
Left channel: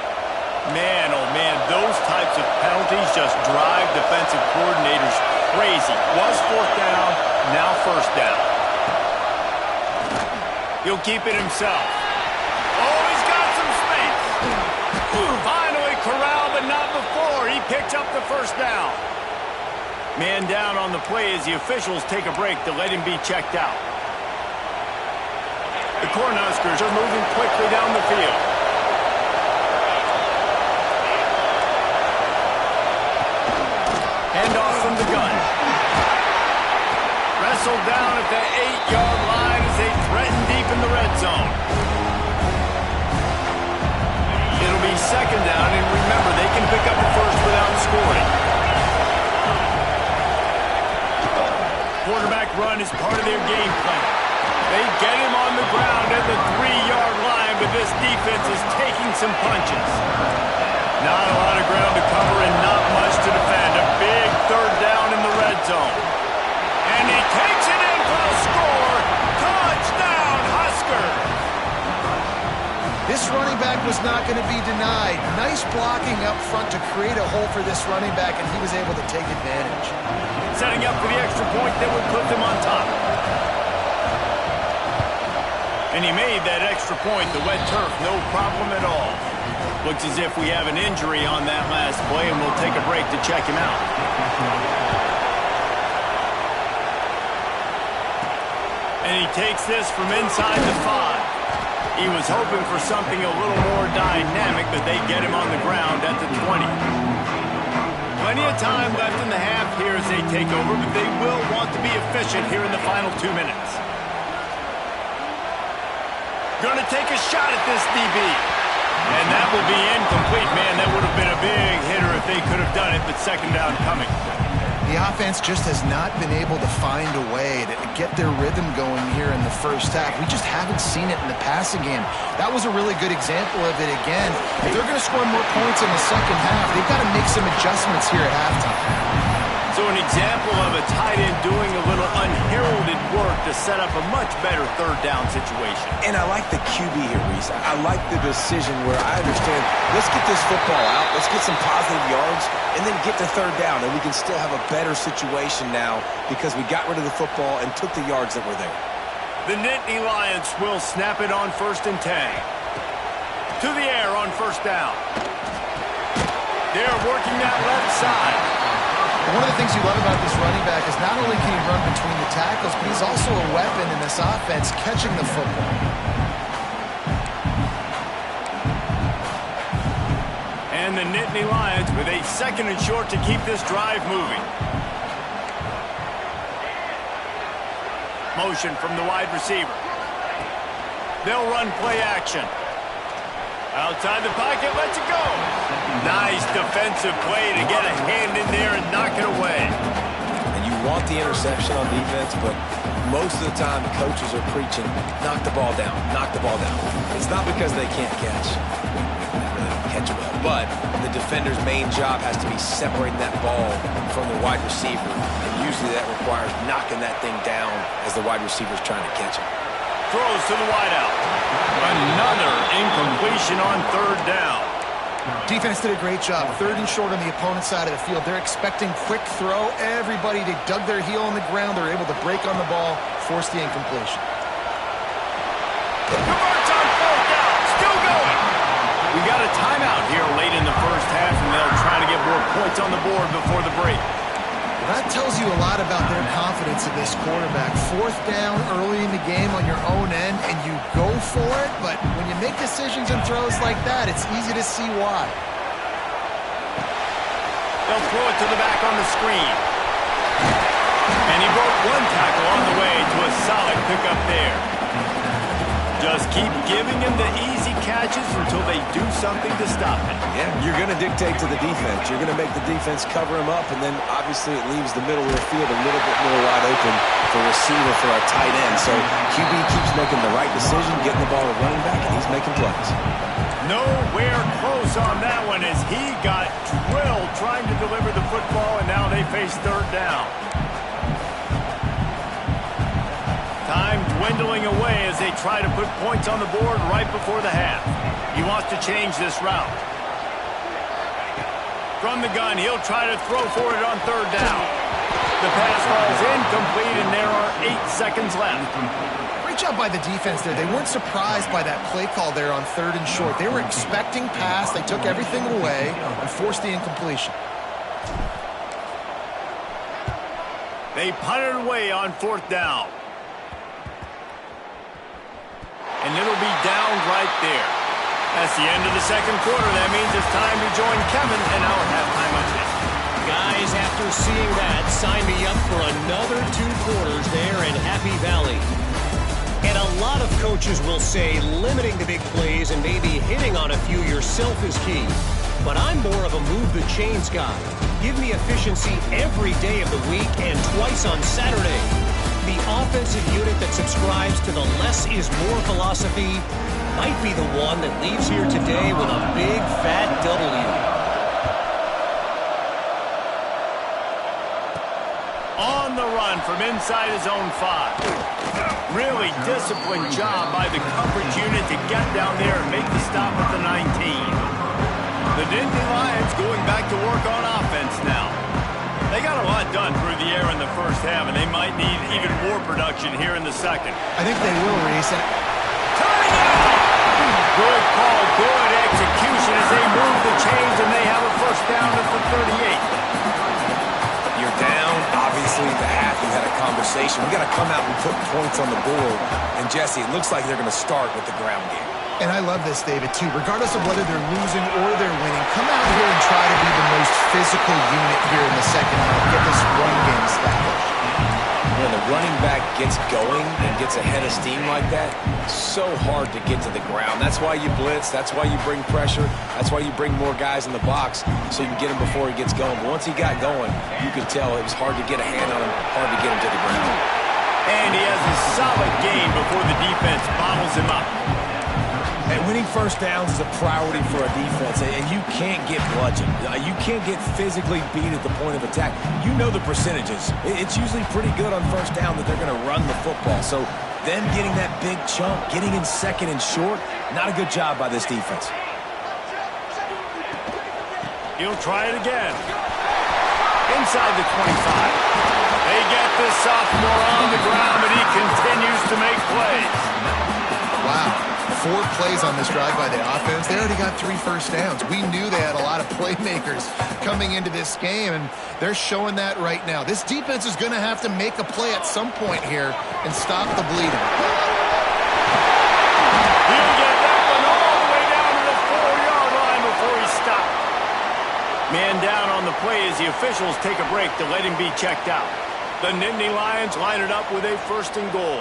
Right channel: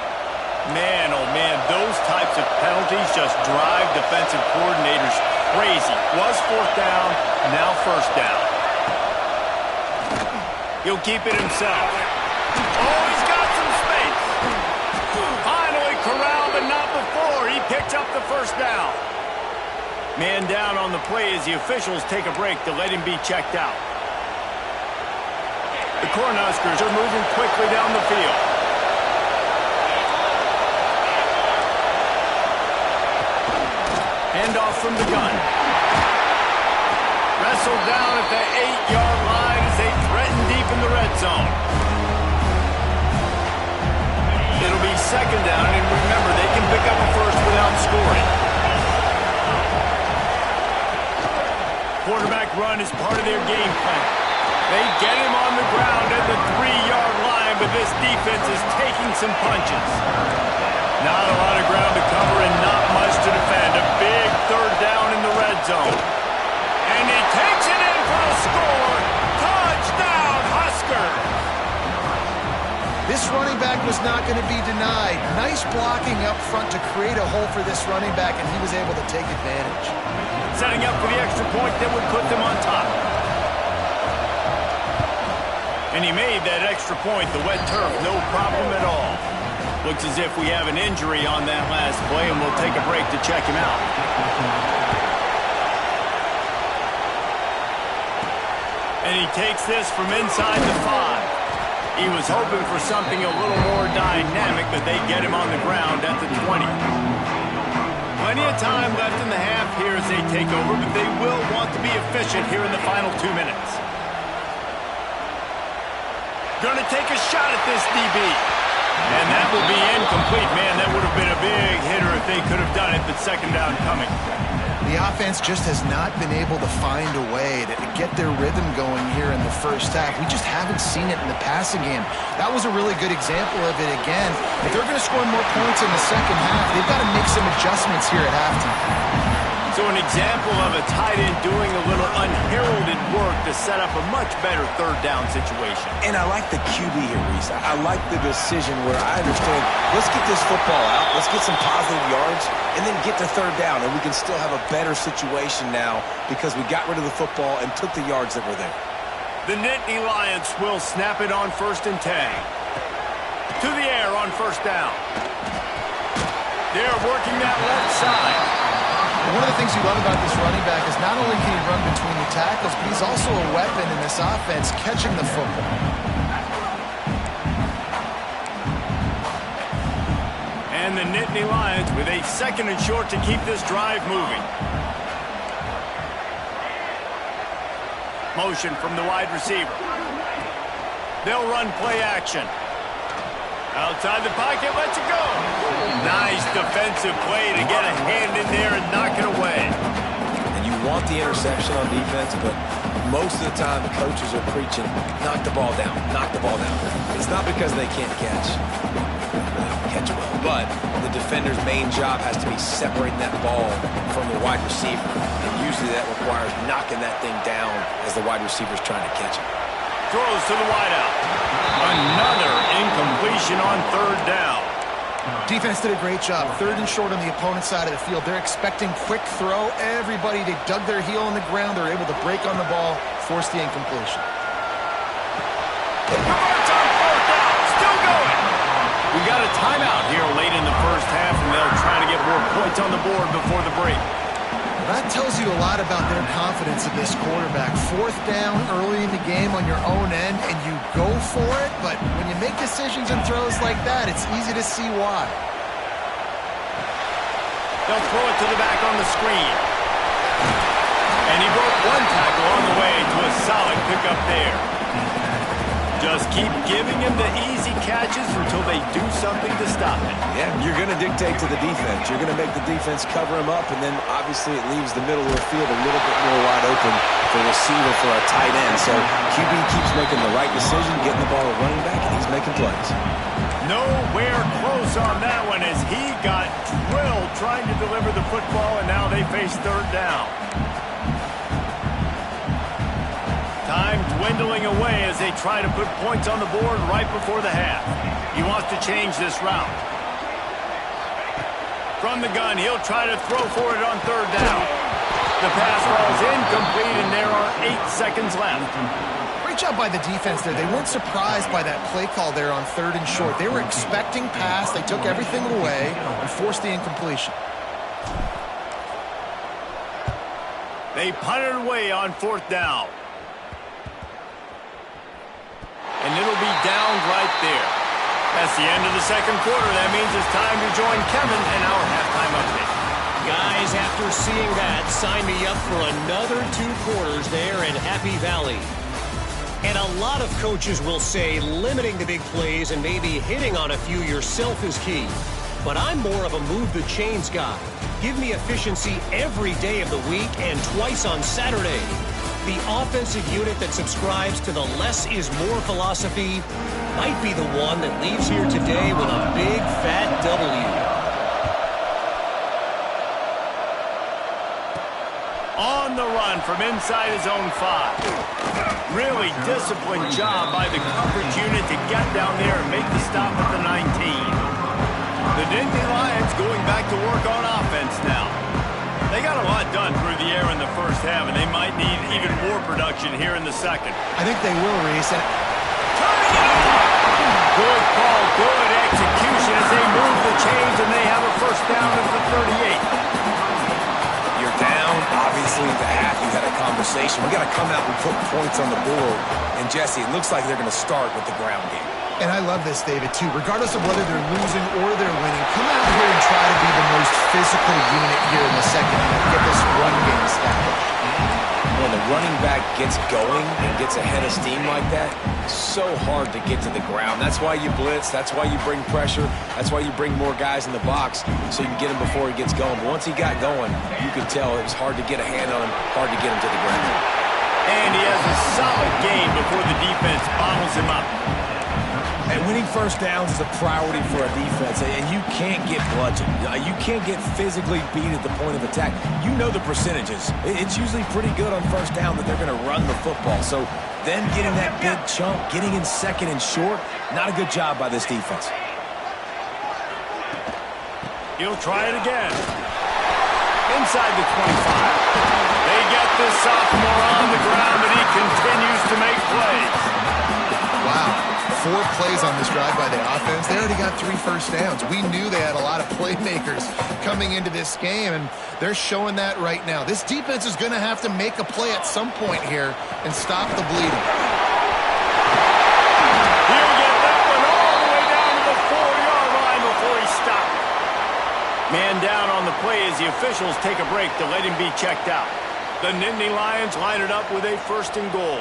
Man, oh man, those types of penalties just drive defensive coordinators crazy. Was 4th down, now 1st down. He'll keep it himself. Oh, he's got some space. Finally corralled, but not before. He picked up the 1st down. Man down on the play as the officials take a break to let him be checked out. The Cornhuskers are moving quickly down the field. Handoff from the gun. Wrestled down at the 8-yard line as they threaten deep in the red zone. It'll be 2nd down, and remember, they can pick up a 1st without scoring. Quarterback run is part of their game plan. They get him on the ground at the 3-yard line, but this defense is taking some punches. Not a lot of ground to cover and not much to defend. A big 3rd down in the red zone. And he takes it in for a score. Touchdown, Huskers! This running back was not going to be denied. Nice blocking up front to create a hole for this running back, and he was able to take advantage. Setting up for the extra point that would put them on top. And he made that extra point, the wet turf, no problem at all. Looks as if we have an injury on that last play, and we'll take a break to check him out. And he takes this from inside the 5. He was hoping for something a little more dynamic, but they get him on the ground at the 20. Plenty of time left in the half here as they take over, but they will want to be efficient here in the final 2 minutes. Going to take a shot at this DB. And that will be incomplete. Man, that would have been a big hitter if they could have done it, but 2nd down coming. The offense just has not been able to find a way to get their rhythm going here in the 1st half. We just haven't seen it in the passing game. That was a really good example of it again. If they're going to score more points in the 2nd half, they've got to make some adjustments here at halftime. So an example of a tight end doing a little unheralded work to set up a much better 3rd down situation. And I like the QB here, Reese. I like the decision where I understand, let's get this football out, let's get some positive yards, and then get to 3rd down, and we can still have a better situation now because we got rid of the football and took the yards that were there. The Nittany Lions will snap it on 1st and 10. To the air on 1st down. They're working that left side. One of the things you love about this running back is not only can he run between the tackles, but he's also a weapon in this offense catching the football. And the Nittany Lions with a 2nd and short to keep this drive moving. Motion from the wide receiver. They'll run play action. Outside the pocket, lets it go. Nice defensive play to get a hand in there and knock it away. And you want the interception on defense, but most of the time coaches are preaching, knock the ball down, knock the ball down. It's not because they can't catch. They really don't catch well. But the defender's main job has to be separating that ball from the wide receiver. And usually that requires knocking that thing down as the wide receiver's trying to catch it. Throws to the wideout. Another incompletion on third down. Defense did a great job. 3rd and short on the opponent's side of the field. They're expecting quick throw. Everybody, they dug their heel on the ground. They're able to break on the ball, force the incompletion. Converts on 4th down. Still going. We got a timeout here late in the first half, and they'll try to get more points on the board before the break. That tells you a lot about their confidence in this quarterback. 4th down early in the game on your own end, and you go for it, but when you make decisions and throws like that, it's easy to see why. They'll throw it to the back on the screen. And he broke one tackle on the way to a solid pickup there. Just keep giving him the easy catches until they do something to stop it. Yeah, you're going to dictate to the defense. You're going to make the defense cover him up, and then obviously it leaves the middle of the field a little bit more wide open for receiver for a tight end. So QB keeps making the right decision, getting the ball to running back, and he's making plays. Nowhere close on that one as he got drilled trying to deliver the football, and now they face 3rd down. Time dwindling away as they try to put points on the board right before the half. He wants to change this route. From the gun, he'll try to throw for it on 3rd down. The pass falls incomplete, and there are 8 seconds left. Great job by the defense there. They weren't surprised by that play call there on 3rd and short. They were expecting pass. They took everything away and forced the incompletion. They punted away on 4th down. And it'll be down right there. That's the end of the second quarter. That means it's time to join Kevin in our halftime update. Guys, after seeing that, sign me up for another 2 quarters there in Happy Valley. And a lot of coaches will say limiting the big plays and maybe hitting on a few yourself is key. But I'm more of a move the chains guy. Give me efficiency every day of the week and twice on Saturday. The offensive unit that subscribes to the less is more philosophy might be the one that leaves here today with a big fat W. On the run from inside his own 5. Really disciplined job by the coverage unit to get down there and make the stop at the 19. The Nittany Lions going back to work on offense now. They got a lot done through the air in the first half, and they might need even more production here in the second. I think they will, Reese. Turning it off! Good call, good execution as they move the chains, and they have a first down at the 38. You're down. Obviously, the half you had a conversation. We got to come out and put points on the board. And, Jesse, it looks like they're going to start with the ground game. And I love this, David, too. Regardless of whether they're losing or they're winning, come out here and try to be the most physical unit here in the second half. Get this run game established. When the running back gets going and gets ahead of steam like that, so hard to get to the ground. That's why you blitz. That's why you bring pressure. That's why you bring more guys in the box so you can get him before he gets going. But once he got going, you could tell it was hard to get a hand on him, hard to get him to the ground. And he has a solid game before the defense bottles him up. And winning first downs is a priority for a defense, and you can't get bludgeoned. You can't get physically beat at the point of attack. You know the percentages. It's usually pretty good on first down that they're going to run the football. So them getting that big chunk, getting in second and short, not a good job by this defense. He'll try it again. Inside the 25. They get this sophomore on the ground, and he continues to make plays. Wow. 4 plays on this drive by the offense. They already got 3 first downs. We knew they had a lot of playmakers coming into this game, and they're showing that right now. This defense is going to have to make a play at some point here and stop the bleeding. He'll get that one all the way down to the 4-yard line before he stopped. Man down on the play as the officials take a break to let him be checked out. The Nittany Lions line it up with a 1st and goal.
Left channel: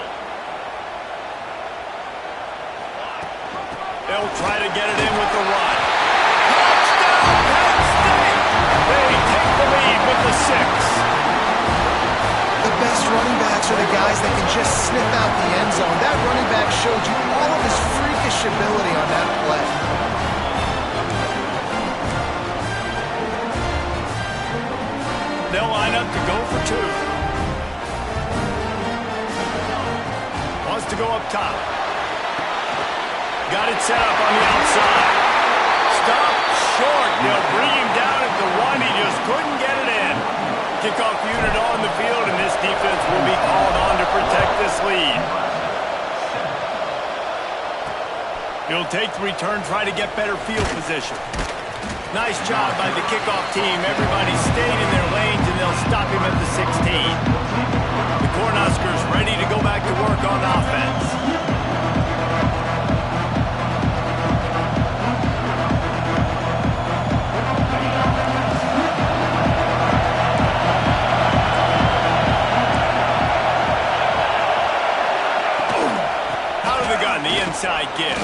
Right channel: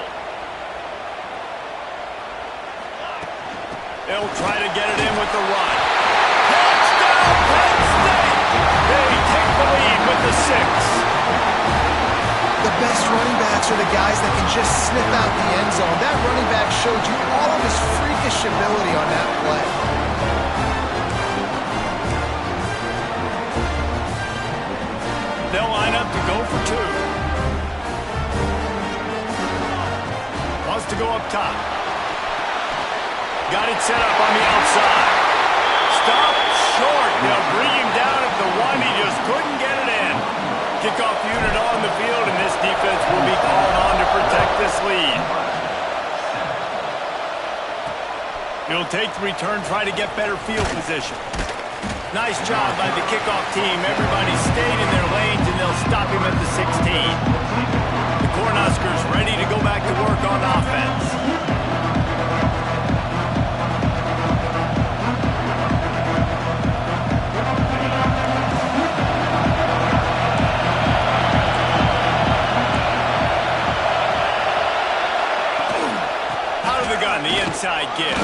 They'll try to get it in with the run. Touchdown, Penn State! They take the lead with the 6. The best running backs are the guys that can just sniff out the end zone. That running back showed you all of his freakish ability on that play. They'll line up to go for 2. Wants to go up top. Got it set up on the outside. Stop short. They'll bring him down at the 1. He just couldn't get it in. Kickoff unit on the field, and this defense will be called on to protect this lead. He'll take the return, try to get better field position. Nice job by the kickoff team. Everybody stayed in their lanes, and they'll stop him at the 16. The Cornhuskers ready to go back to work on offense. The inside give.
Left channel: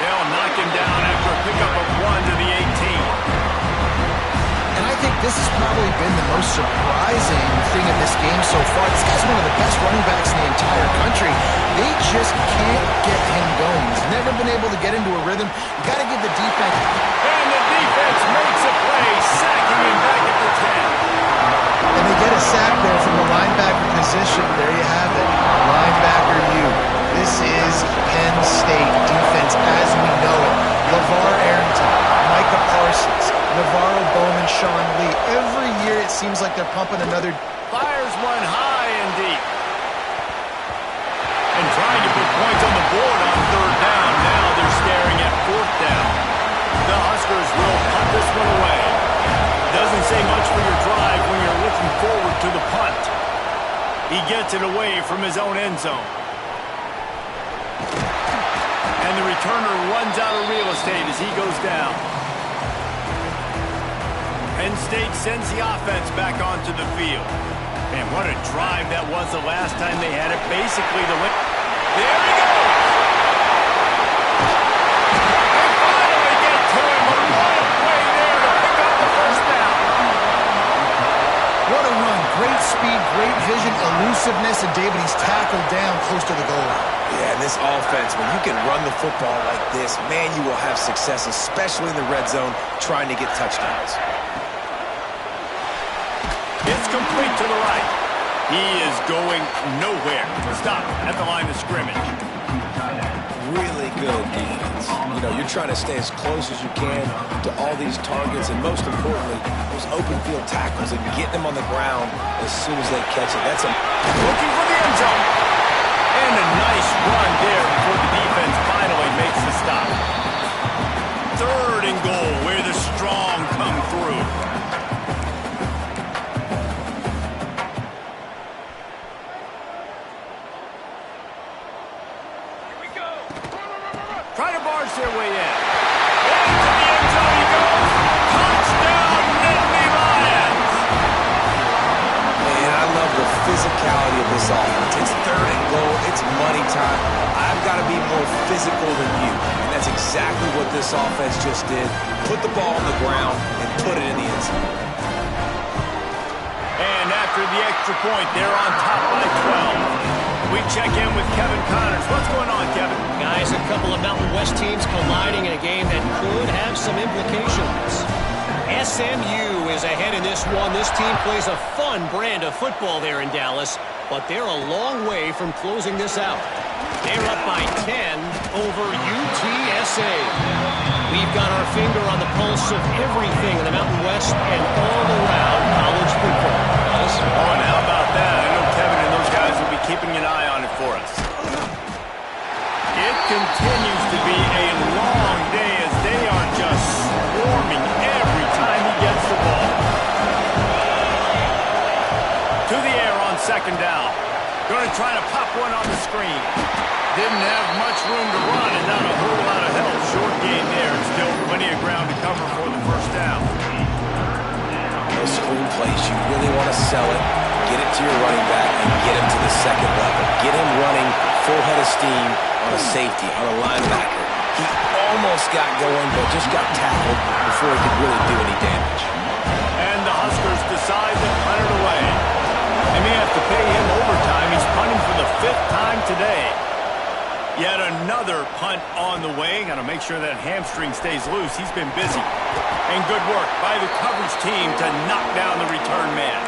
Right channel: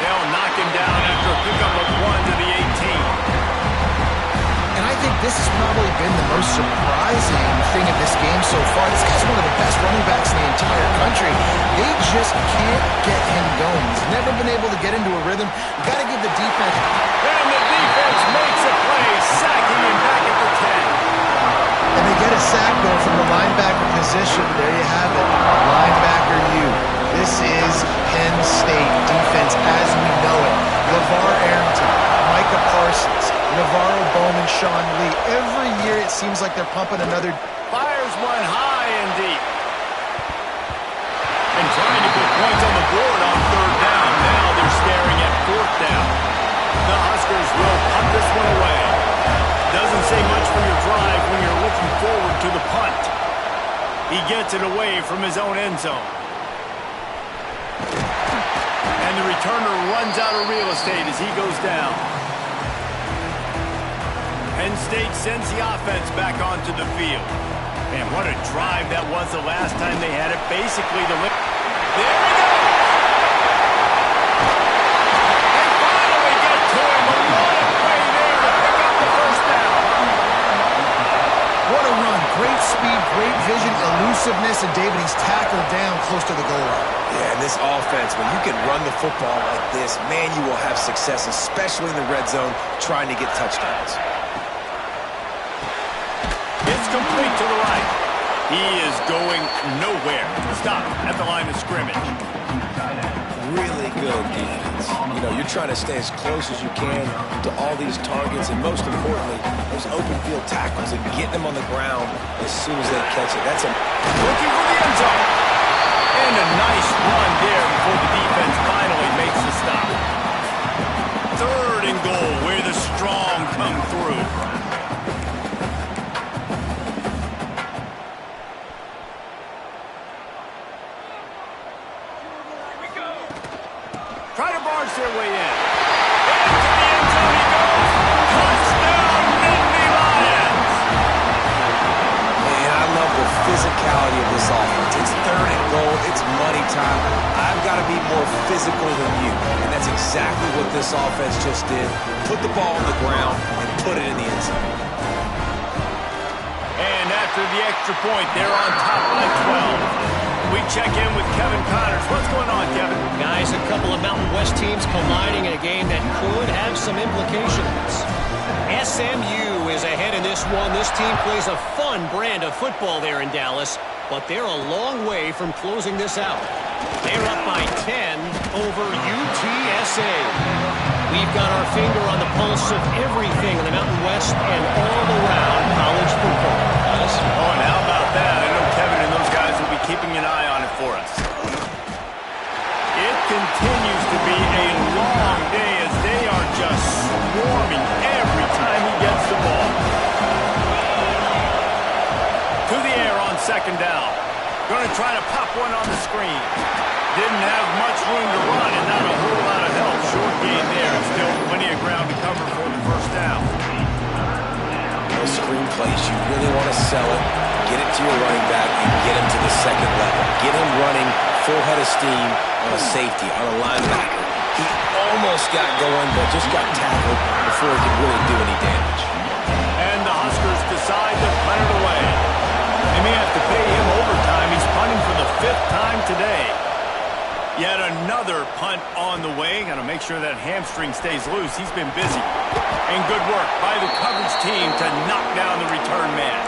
They'll knock him down after a pickup of 1 to the 18. And I think this has probably been the most surprising thing of this game so far. This guy's one of the best running backs in the entire country. They just can't get him going. He's never been able to get into a rhythm. You got to give the defense. And the defense makes a play, sacking him back at the 10. And they get a sack there from the linebacker position. There you have it. Linebacker U. This is Penn State defense as we know it. LeVar Arrington, Micah Parsons, Navarro Bowman, Sean Lee. Every year it seems like they're pumping another. Fires one high and deep. And trying to put points on the board on 3rd down. Now they're staring at 4th down. The Huskers will punt this one away. Doesn't say much for your drive when you're looking forward to the punt. He gets it away from his own end zone. And the returner runs out of real estate as he goes down. Penn State sends the offense back onto the field. Man, what a drive that was the last time they had it. Basically, there he goes! They finally get to him, but what a play there to pick up the 1st down. What a run. Great speed, great vision, elusiveness, and David, he's tackled down close to the goal line. Yeah, and this offense, when you can run the football like this, man, you will have success, especially in the red zone, trying to get touchdowns. It's complete to the right. He is going nowhere. Stop at the line of scrimmage. Really good defense. You know, you're trying to stay as close as you can to all these targets, and most importantly, those open field tackles and getting them on the ground as soon as they catch it. That's looking for the end zone. And a nice run there before the defense finally makes the stop. 3rd and goal, where the strong come through. Try to barge their way in. Into the end zone he goes. Touchdown, Nittany Lions! Man, I love the physicality of this offense. It's 3rd and goal. It's money time. I've got to be more physical than you. And that's exactly what this offense just did. Put the ball on the ground and put it in the end zone. And after the extra point, they're on top by 12. We check in with Kevin Connors. What's going on, Kevin? Guys, a couple of Mountain West teams colliding in a game that could have some implications. SMU is ahead in this one. This team plays a fun brand of football there in Dallas, but they're a long way from closing this out. They're up by 10 over UTSA. We've got our finger on the pulse of everything in the Mountain West and all around college football. Guys? Oh, and how about that? I know Kevin and those guys will be keeping an eye on it for us. It continues to be a long day as they are just swarming every time he gets the ball. To the air on 2nd down. Going to try to pop one on the screen. Didn't have much room to run and not a whole lot of help. Short gain there and still plenty of ground to cover for the 1st down. Those screen plays, you really want to sell it, get it to your running back, and get him to the 2nd level. Get him running full head of steam on a safety, on a linebacker. He almost got going, but just got tackled before he could really do any damage. And the Huskers decide to punt it away. They may have to pay him overtime. He's punting for the 5th time today. Yet another punt on the way. Got to make sure that hamstring stays loose. He's been busy. And good work by the coverage team to knock down the return man.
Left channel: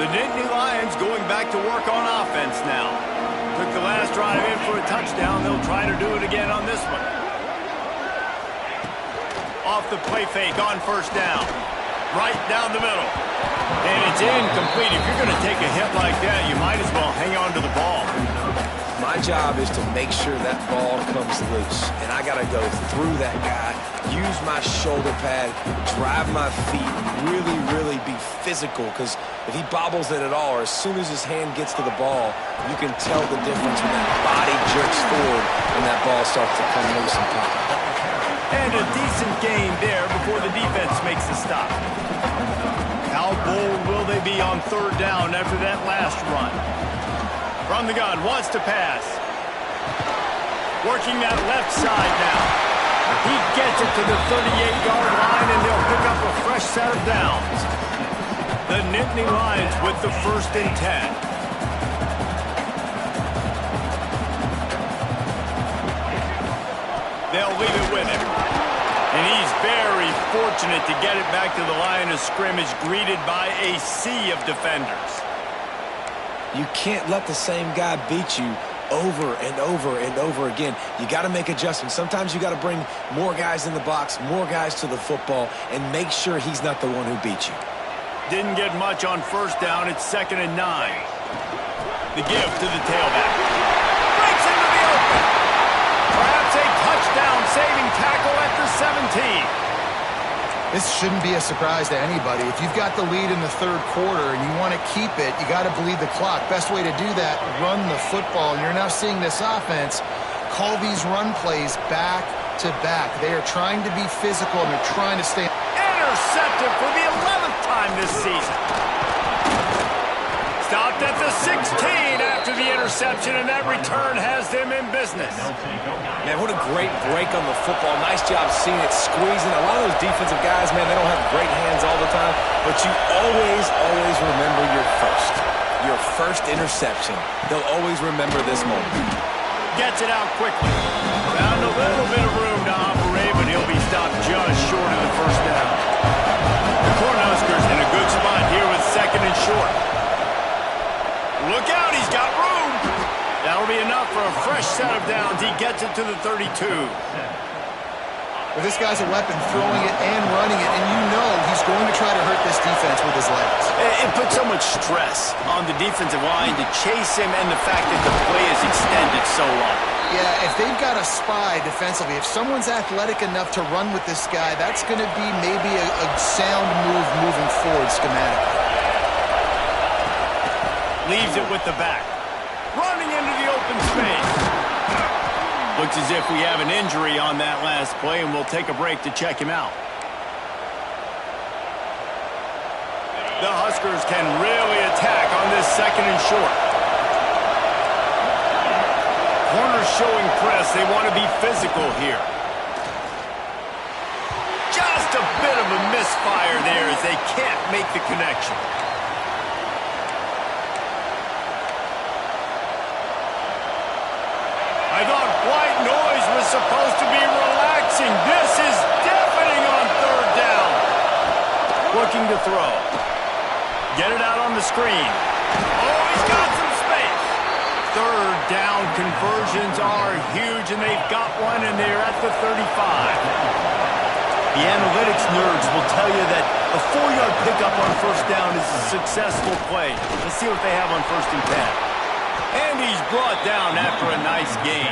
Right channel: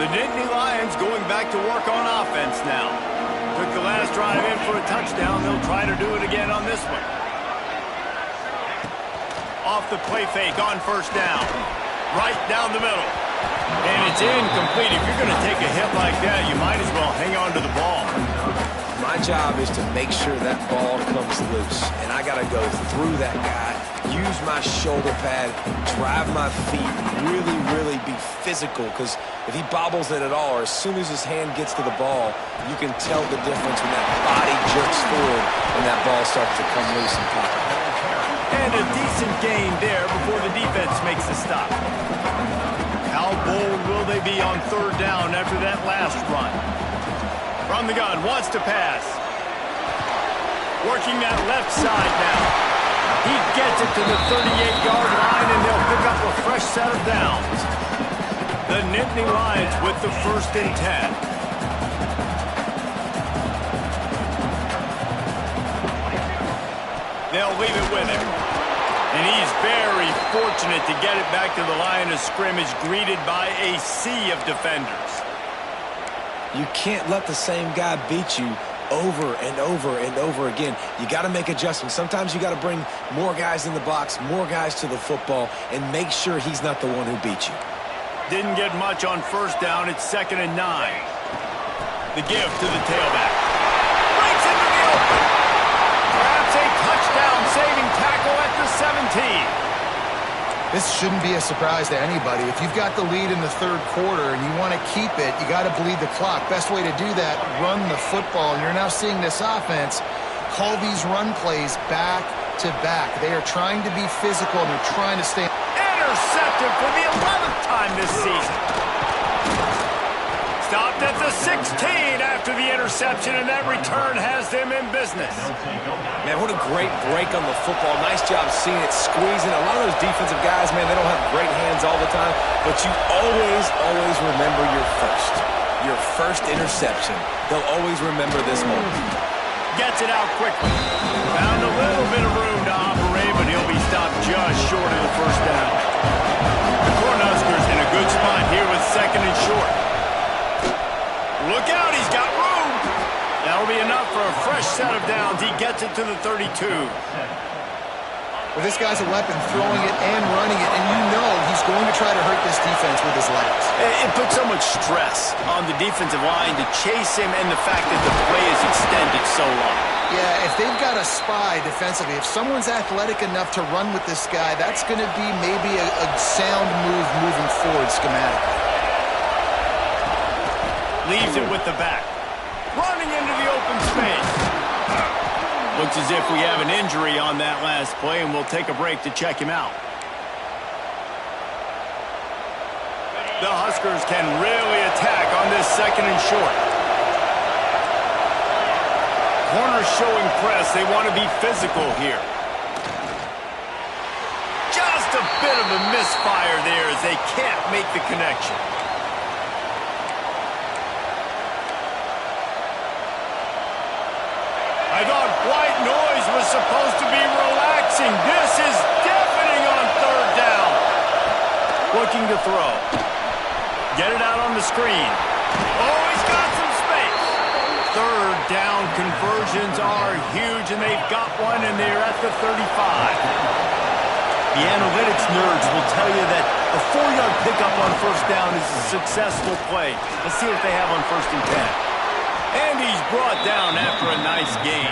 The Nittany Lions going back to work on offense now. Took the last drive in for a touchdown. They'll try to do it again on this one. Off the play fake on first down. Right down the middle. And it's incomplete. If you're going to take a hit like that, you might as well hang on to the ball. My job is to make sure that ball comes loose. And I got to go through that guy, use my shoulder pad, drive my feet, really be physical. Because if he bobbles it at all, or as soon as his hand gets to the ball, you can tell the difference when that body jerks forward and that ball starts to come loose and pop out. And a decent gain there before the defense makes the stop. How bold will they be on 3rd down after that last run? From the gun, wants to pass. Working that left side now. He gets it to the 38-yard line, and they'll pick up a fresh set of downs. The Nittany Lions with the 1st and 10. They'll leave it with him. And he's very fortunate to get it back to the line of scrimmage, greeted by a sea of defenders. You can't let the same guy beat you over and over and over again. You got to make adjustments. Sometimes you got to bring more guys in the box, more guys to the football, and make sure he's not the one who beat you. Didn't get much on 1st down. It's 2nd and 9. The give to the tailback. Breaks into the open. Perhaps a touchdown-saving tackle at the 17. This shouldn't be a surprise to anybody. If you've got the lead in the 3rd quarter and you want to keep it, you got to bleed the clock. Best way to do that, run the football. And you're now seeing this offense call these run plays back to back. They are trying to be physical, and they're trying to stay. Intercepted for the 11th time this season. Stopped at the 16 after the interception, and that return has them in business. Man, what a great break on the football. Nice job seeing it squeezing. A lot of those defensive guys, man, they don't have great hands all the time, but you always remember your first interception. They'll always remember this moment. Gets it out quickly. Found a little bit of room to operate, but he'll be stopped just short of the 1st down. The Cornhuskers in a good spot here with 2nd and short. Look out, he's got room. That'll be enough for a fresh set of downs. He gets it to the 32. Well, this guy's a weapon, throwing it and running it, and you know he's going to try to hurt this defense with his legs. It puts so much stress on the defensive line to chase him, and the fact that the play is extended so long. Yeah, if they've got a spy defensively, if someone's athletic enough to run with this guy, that's going to be maybe a sound move moving forward schematically. Leaves it with the back. Running into the open space. Looks as if we have an injury on that last play, and we'll take a break to check him out. The Huskers can really attack on this 2nd and short. Corners showing press. They want to be physical here. Just a bit of a misfire there as they can't make the connection. I thought white noise was supposed to be relaxing. This is deafening on 3rd down. Looking to throw. Get it out on the screen. Oh, he's got some space. 3rd down conversions are huge, and they've got one, and they're at the 35. The analytics nerds will tell you that a 4-yard pickup on 1st down is a successful play. Let's see what they have on 1st and 10. And he's brought down after a nice gain.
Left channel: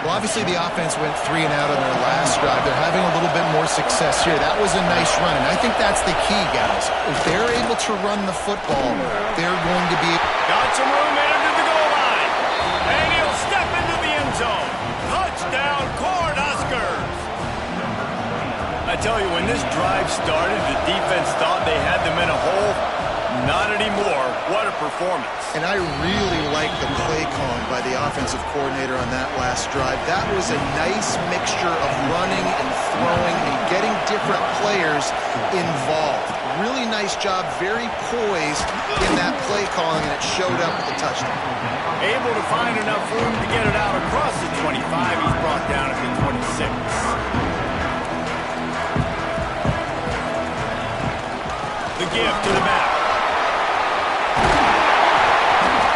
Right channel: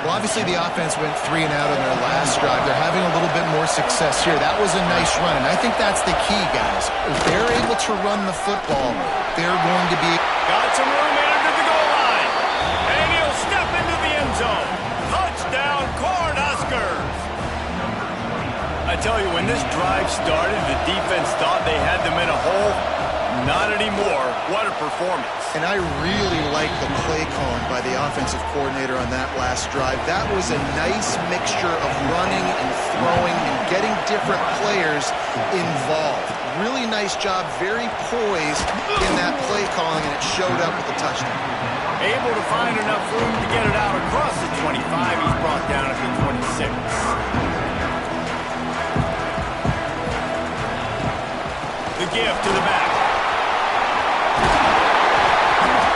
Well, obviously the offense went 3 and out on their last drive. They're having a little bit more success here. That was a nice run, and I think that's the key, guys. If they're able to run the football, they're going to be... Got some room headed to the goal line. And he'll step into the end zone. Touchdown, Cornhuskers. I tell you, when this drive started, the defense thought they had them in a hole. Not anymore. What a performance. And I really like the play calling by the offensive coordinator on that last drive. That was a nice mixture of running and throwing and getting different players involved. Really nice job, very poised in that play calling, and it showed up with the touchdown. Able to find enough room to get it out across the 25. He's brought down at the 26. The give to the back.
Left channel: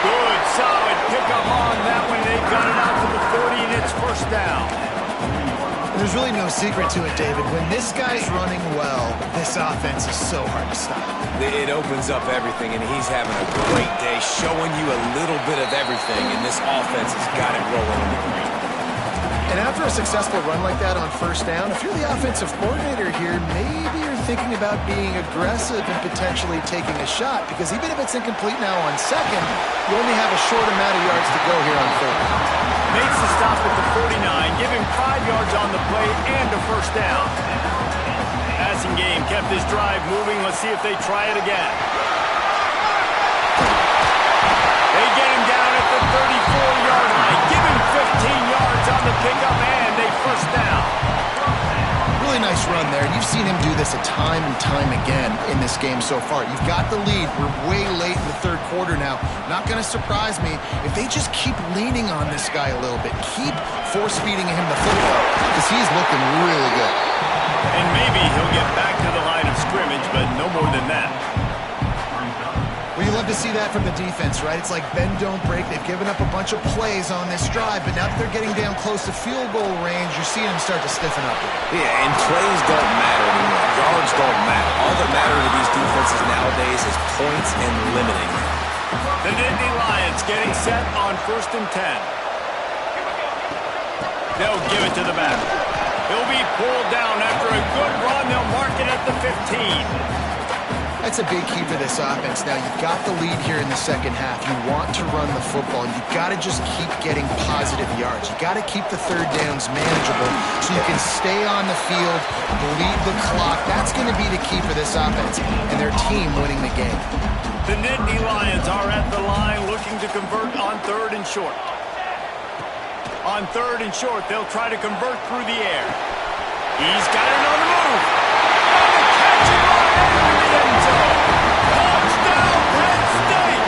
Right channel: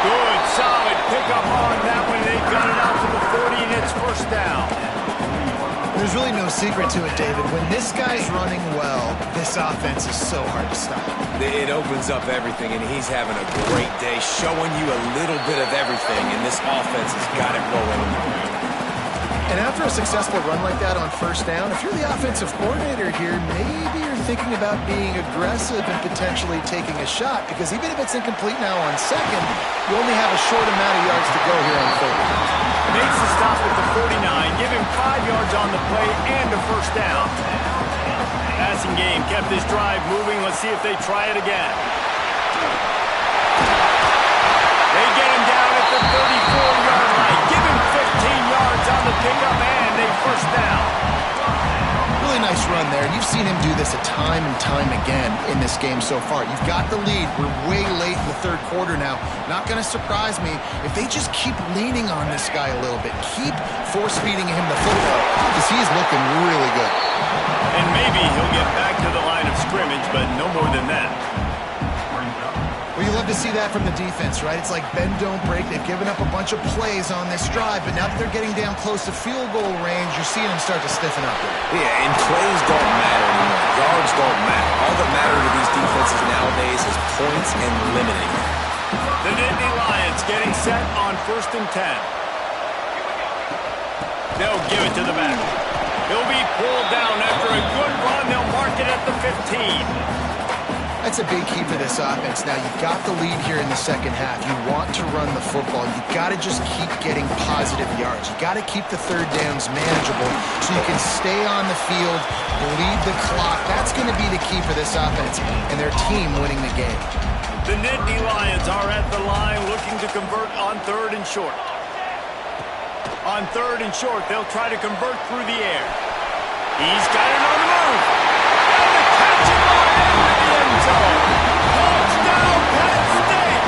Good, solid pickup on that one. They got it out to the 40, and it's first down. There's really no secret to it, David. When this guy's running well, this offense is so hard to stop. It opens up everything, and he's having a great day, showing you a little bit of everything, and this offense has got it rolling on the ground. And after a successful run like that on first down, if you're the offensive coordinator here, maybe you're thinking about being aggressive and potentially taking a shot, because even if it's incomplete now on second, you only have a short amount of yards to go here on third. Makes the stop at the 49, give him 5 yards on the play and a first down. Passing game kept this drive moving. Let's see if they try it again. They get him down at the 34-yard line. Give him 15 yards on the pickup and a first down. Really nice run there, and you've seen him do this a time and time again in this game so far. You've got the lead. We're way late in the third quarter now. Not going to surprise me if they just keep leaning on this guy a little bit. Keep force-feeding him the football, because he's looking really good. And maybe he'll get back to the line of scrimmage, but no more than that. Well, you love to see that from the defense, right? It's like bend, don't break. They've given up a bunch of plays on this drive, but now that they're getting down close to field goal range, you're seeing them start to stiffen up here. Yeah, and plays don't matter anymore. Yards don't matter. All that matter to these defenses nowadays is points and limiting them. The Nittany Lions getting set on 1st and 10. They'll give it to the back. He'll be pulled down after a good run. They'll mark it at the 15. That's a big key for this offense. Now, you've got the lead here in the second half. You want to run the football. You've got to just keep getting positive yards. You've got to keep the third downs manageable so you can stay on the field, bleed the clock. That's going to be the key for this offense and their team winning the game. The Nittany Lions are at the line looking to convert on 3rd and short. On 3rd and short, they'll try to convert through the air. He's got it on the move. And the catch and run into the end zone. Touchdown, Penn State!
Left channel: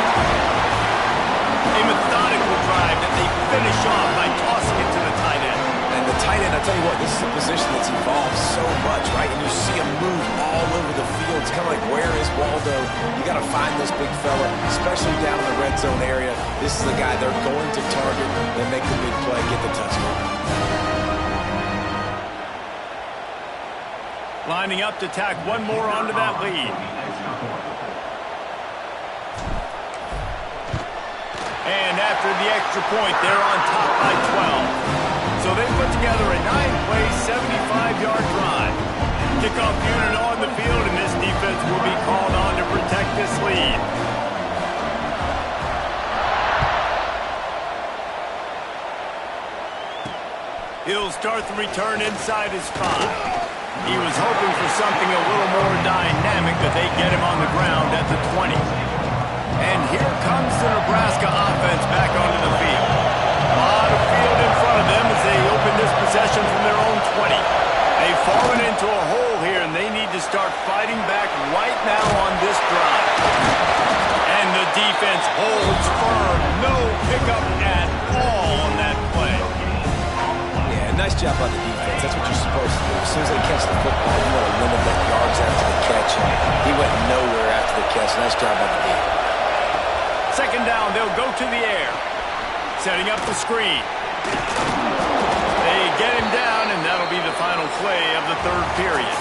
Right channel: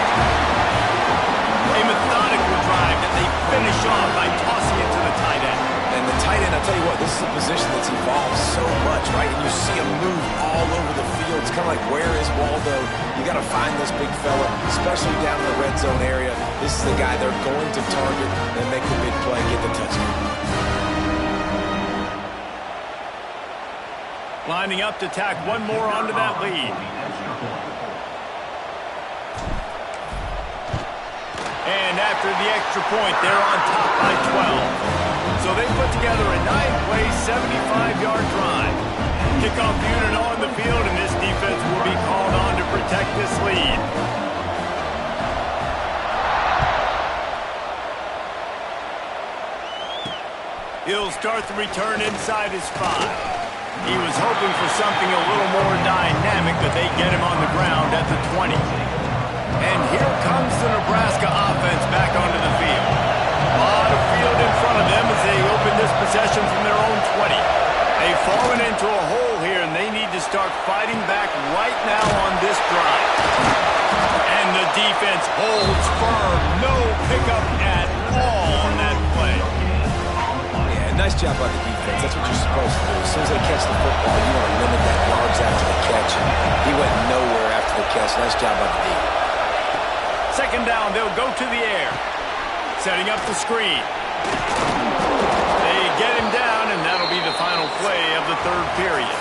A methodical drive that they finish off by tossing it to the tight end. And the tight end, I'll tell you what, this is a position that's evolved so much, right? And you see him move all over the field. It's kind of like, where is Waldo? You got to find this big fella, especially down in the red zone area. This is the guy they're going to target and make the big play, get the touchdown. Lining up to tack one more onto that lead. And after the extra point, they're on top by 12. So they put together a 9-play, 75-yard drive. Kickoff unit on the field, and this defense will be called on to protect this lead. He'll start the return inside his 5. He was hoping for something a little more dynamic, but they get him on the ground at the 20. And here comes the Nebraska offense back onto the field. A lot of field in front of them as they open this possession from their own 20. They've fallen into a hole here, and they need to start fighting back right now on this drive. And the defense holds firm. No pickup at all on that play. Nice job by the defense. That's what you're supposed to do. As soon as they catch the football, you want to limit that yards after the catch. And he went nowhere after the catch. Nice job by the D. 2nd down, they'll go to the air. Setting up the screen. They get him down, and that'll be the final play of the 3rd period.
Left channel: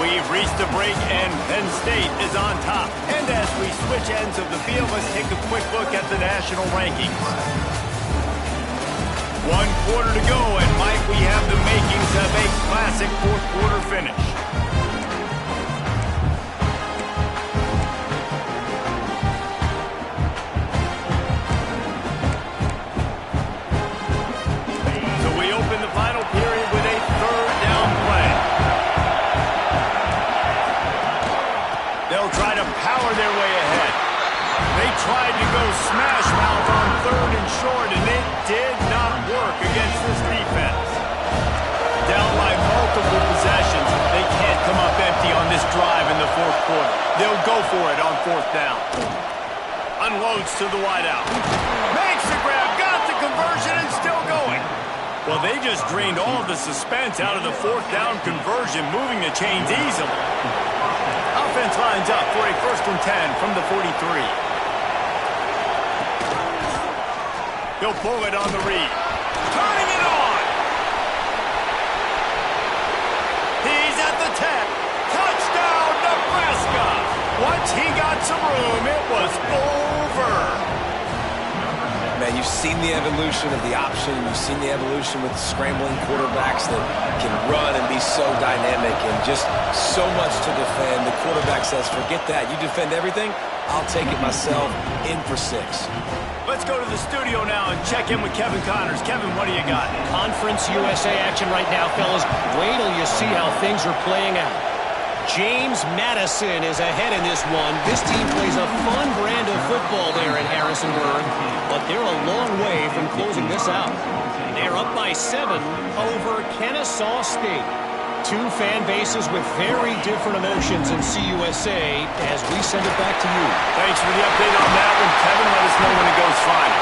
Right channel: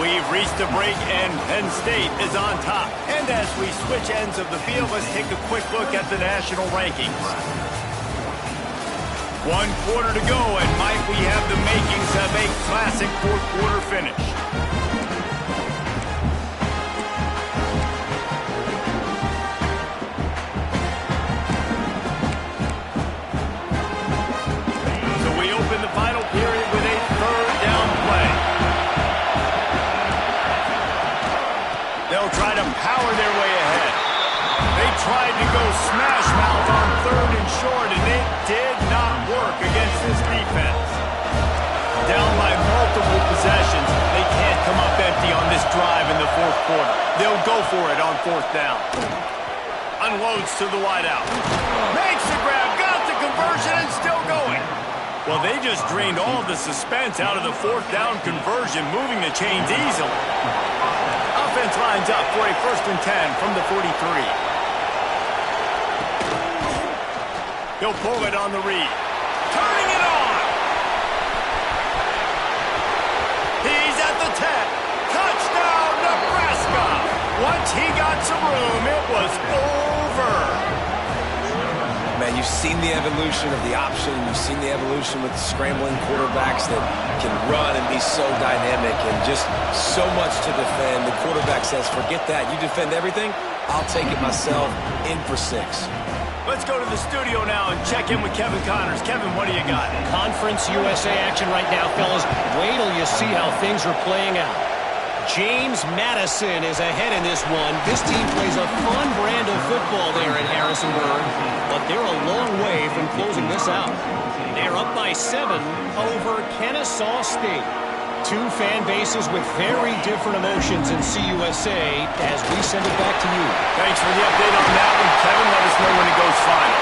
We've reached the break, and Penn State is on top. And as we switch ends of the field, let's take a quick look at the national rankings. 1 quarter to go, and might we have the makings of a classic 4th quarter finish. So we open the final period with a 3rd down play. They'll try to power their way ahead. They tried to go smash mouth on 3rd and short, and it did not work against this defense. Down by multiple possessions, they can't come up empty on this drive in the 4th quarter. They'll go for it on 4th down. Unloads to the wideout. Makes the grab, got the conversion, and still going. Well, they just drained all of the suspense out of the 4th down conversion, moving the chains easily. Offense lines up for a 1st and 10 from the 43. He'll pull it on the read. Turning it on. He's at the 10. Touchdown, Nebraska. Once he got some room, it was over. Man, you've seen the evolution of the option. You've seen the evolution with scrambling quarterbacks that can run and be so dynamic and just so much to defend. The quarterback says, forget that. You defend everything, I'll take it myself. In for 6. Let's go to the studio now and check in with Kevin Connors. Kevin, what do you got? Conference USA action right now, fellas. Wait till you see how things are playing out. James Madison is ahead in this one. This team plays a fun brand of football there in Harrisonburg, but they're a long way from closing this out. They're up by 7 over Kennesaw State. 2 fan bases with very different emotions in CUSA as we send it back to you. Thanks for the update on that one, Kevin. Let us know when it goes final.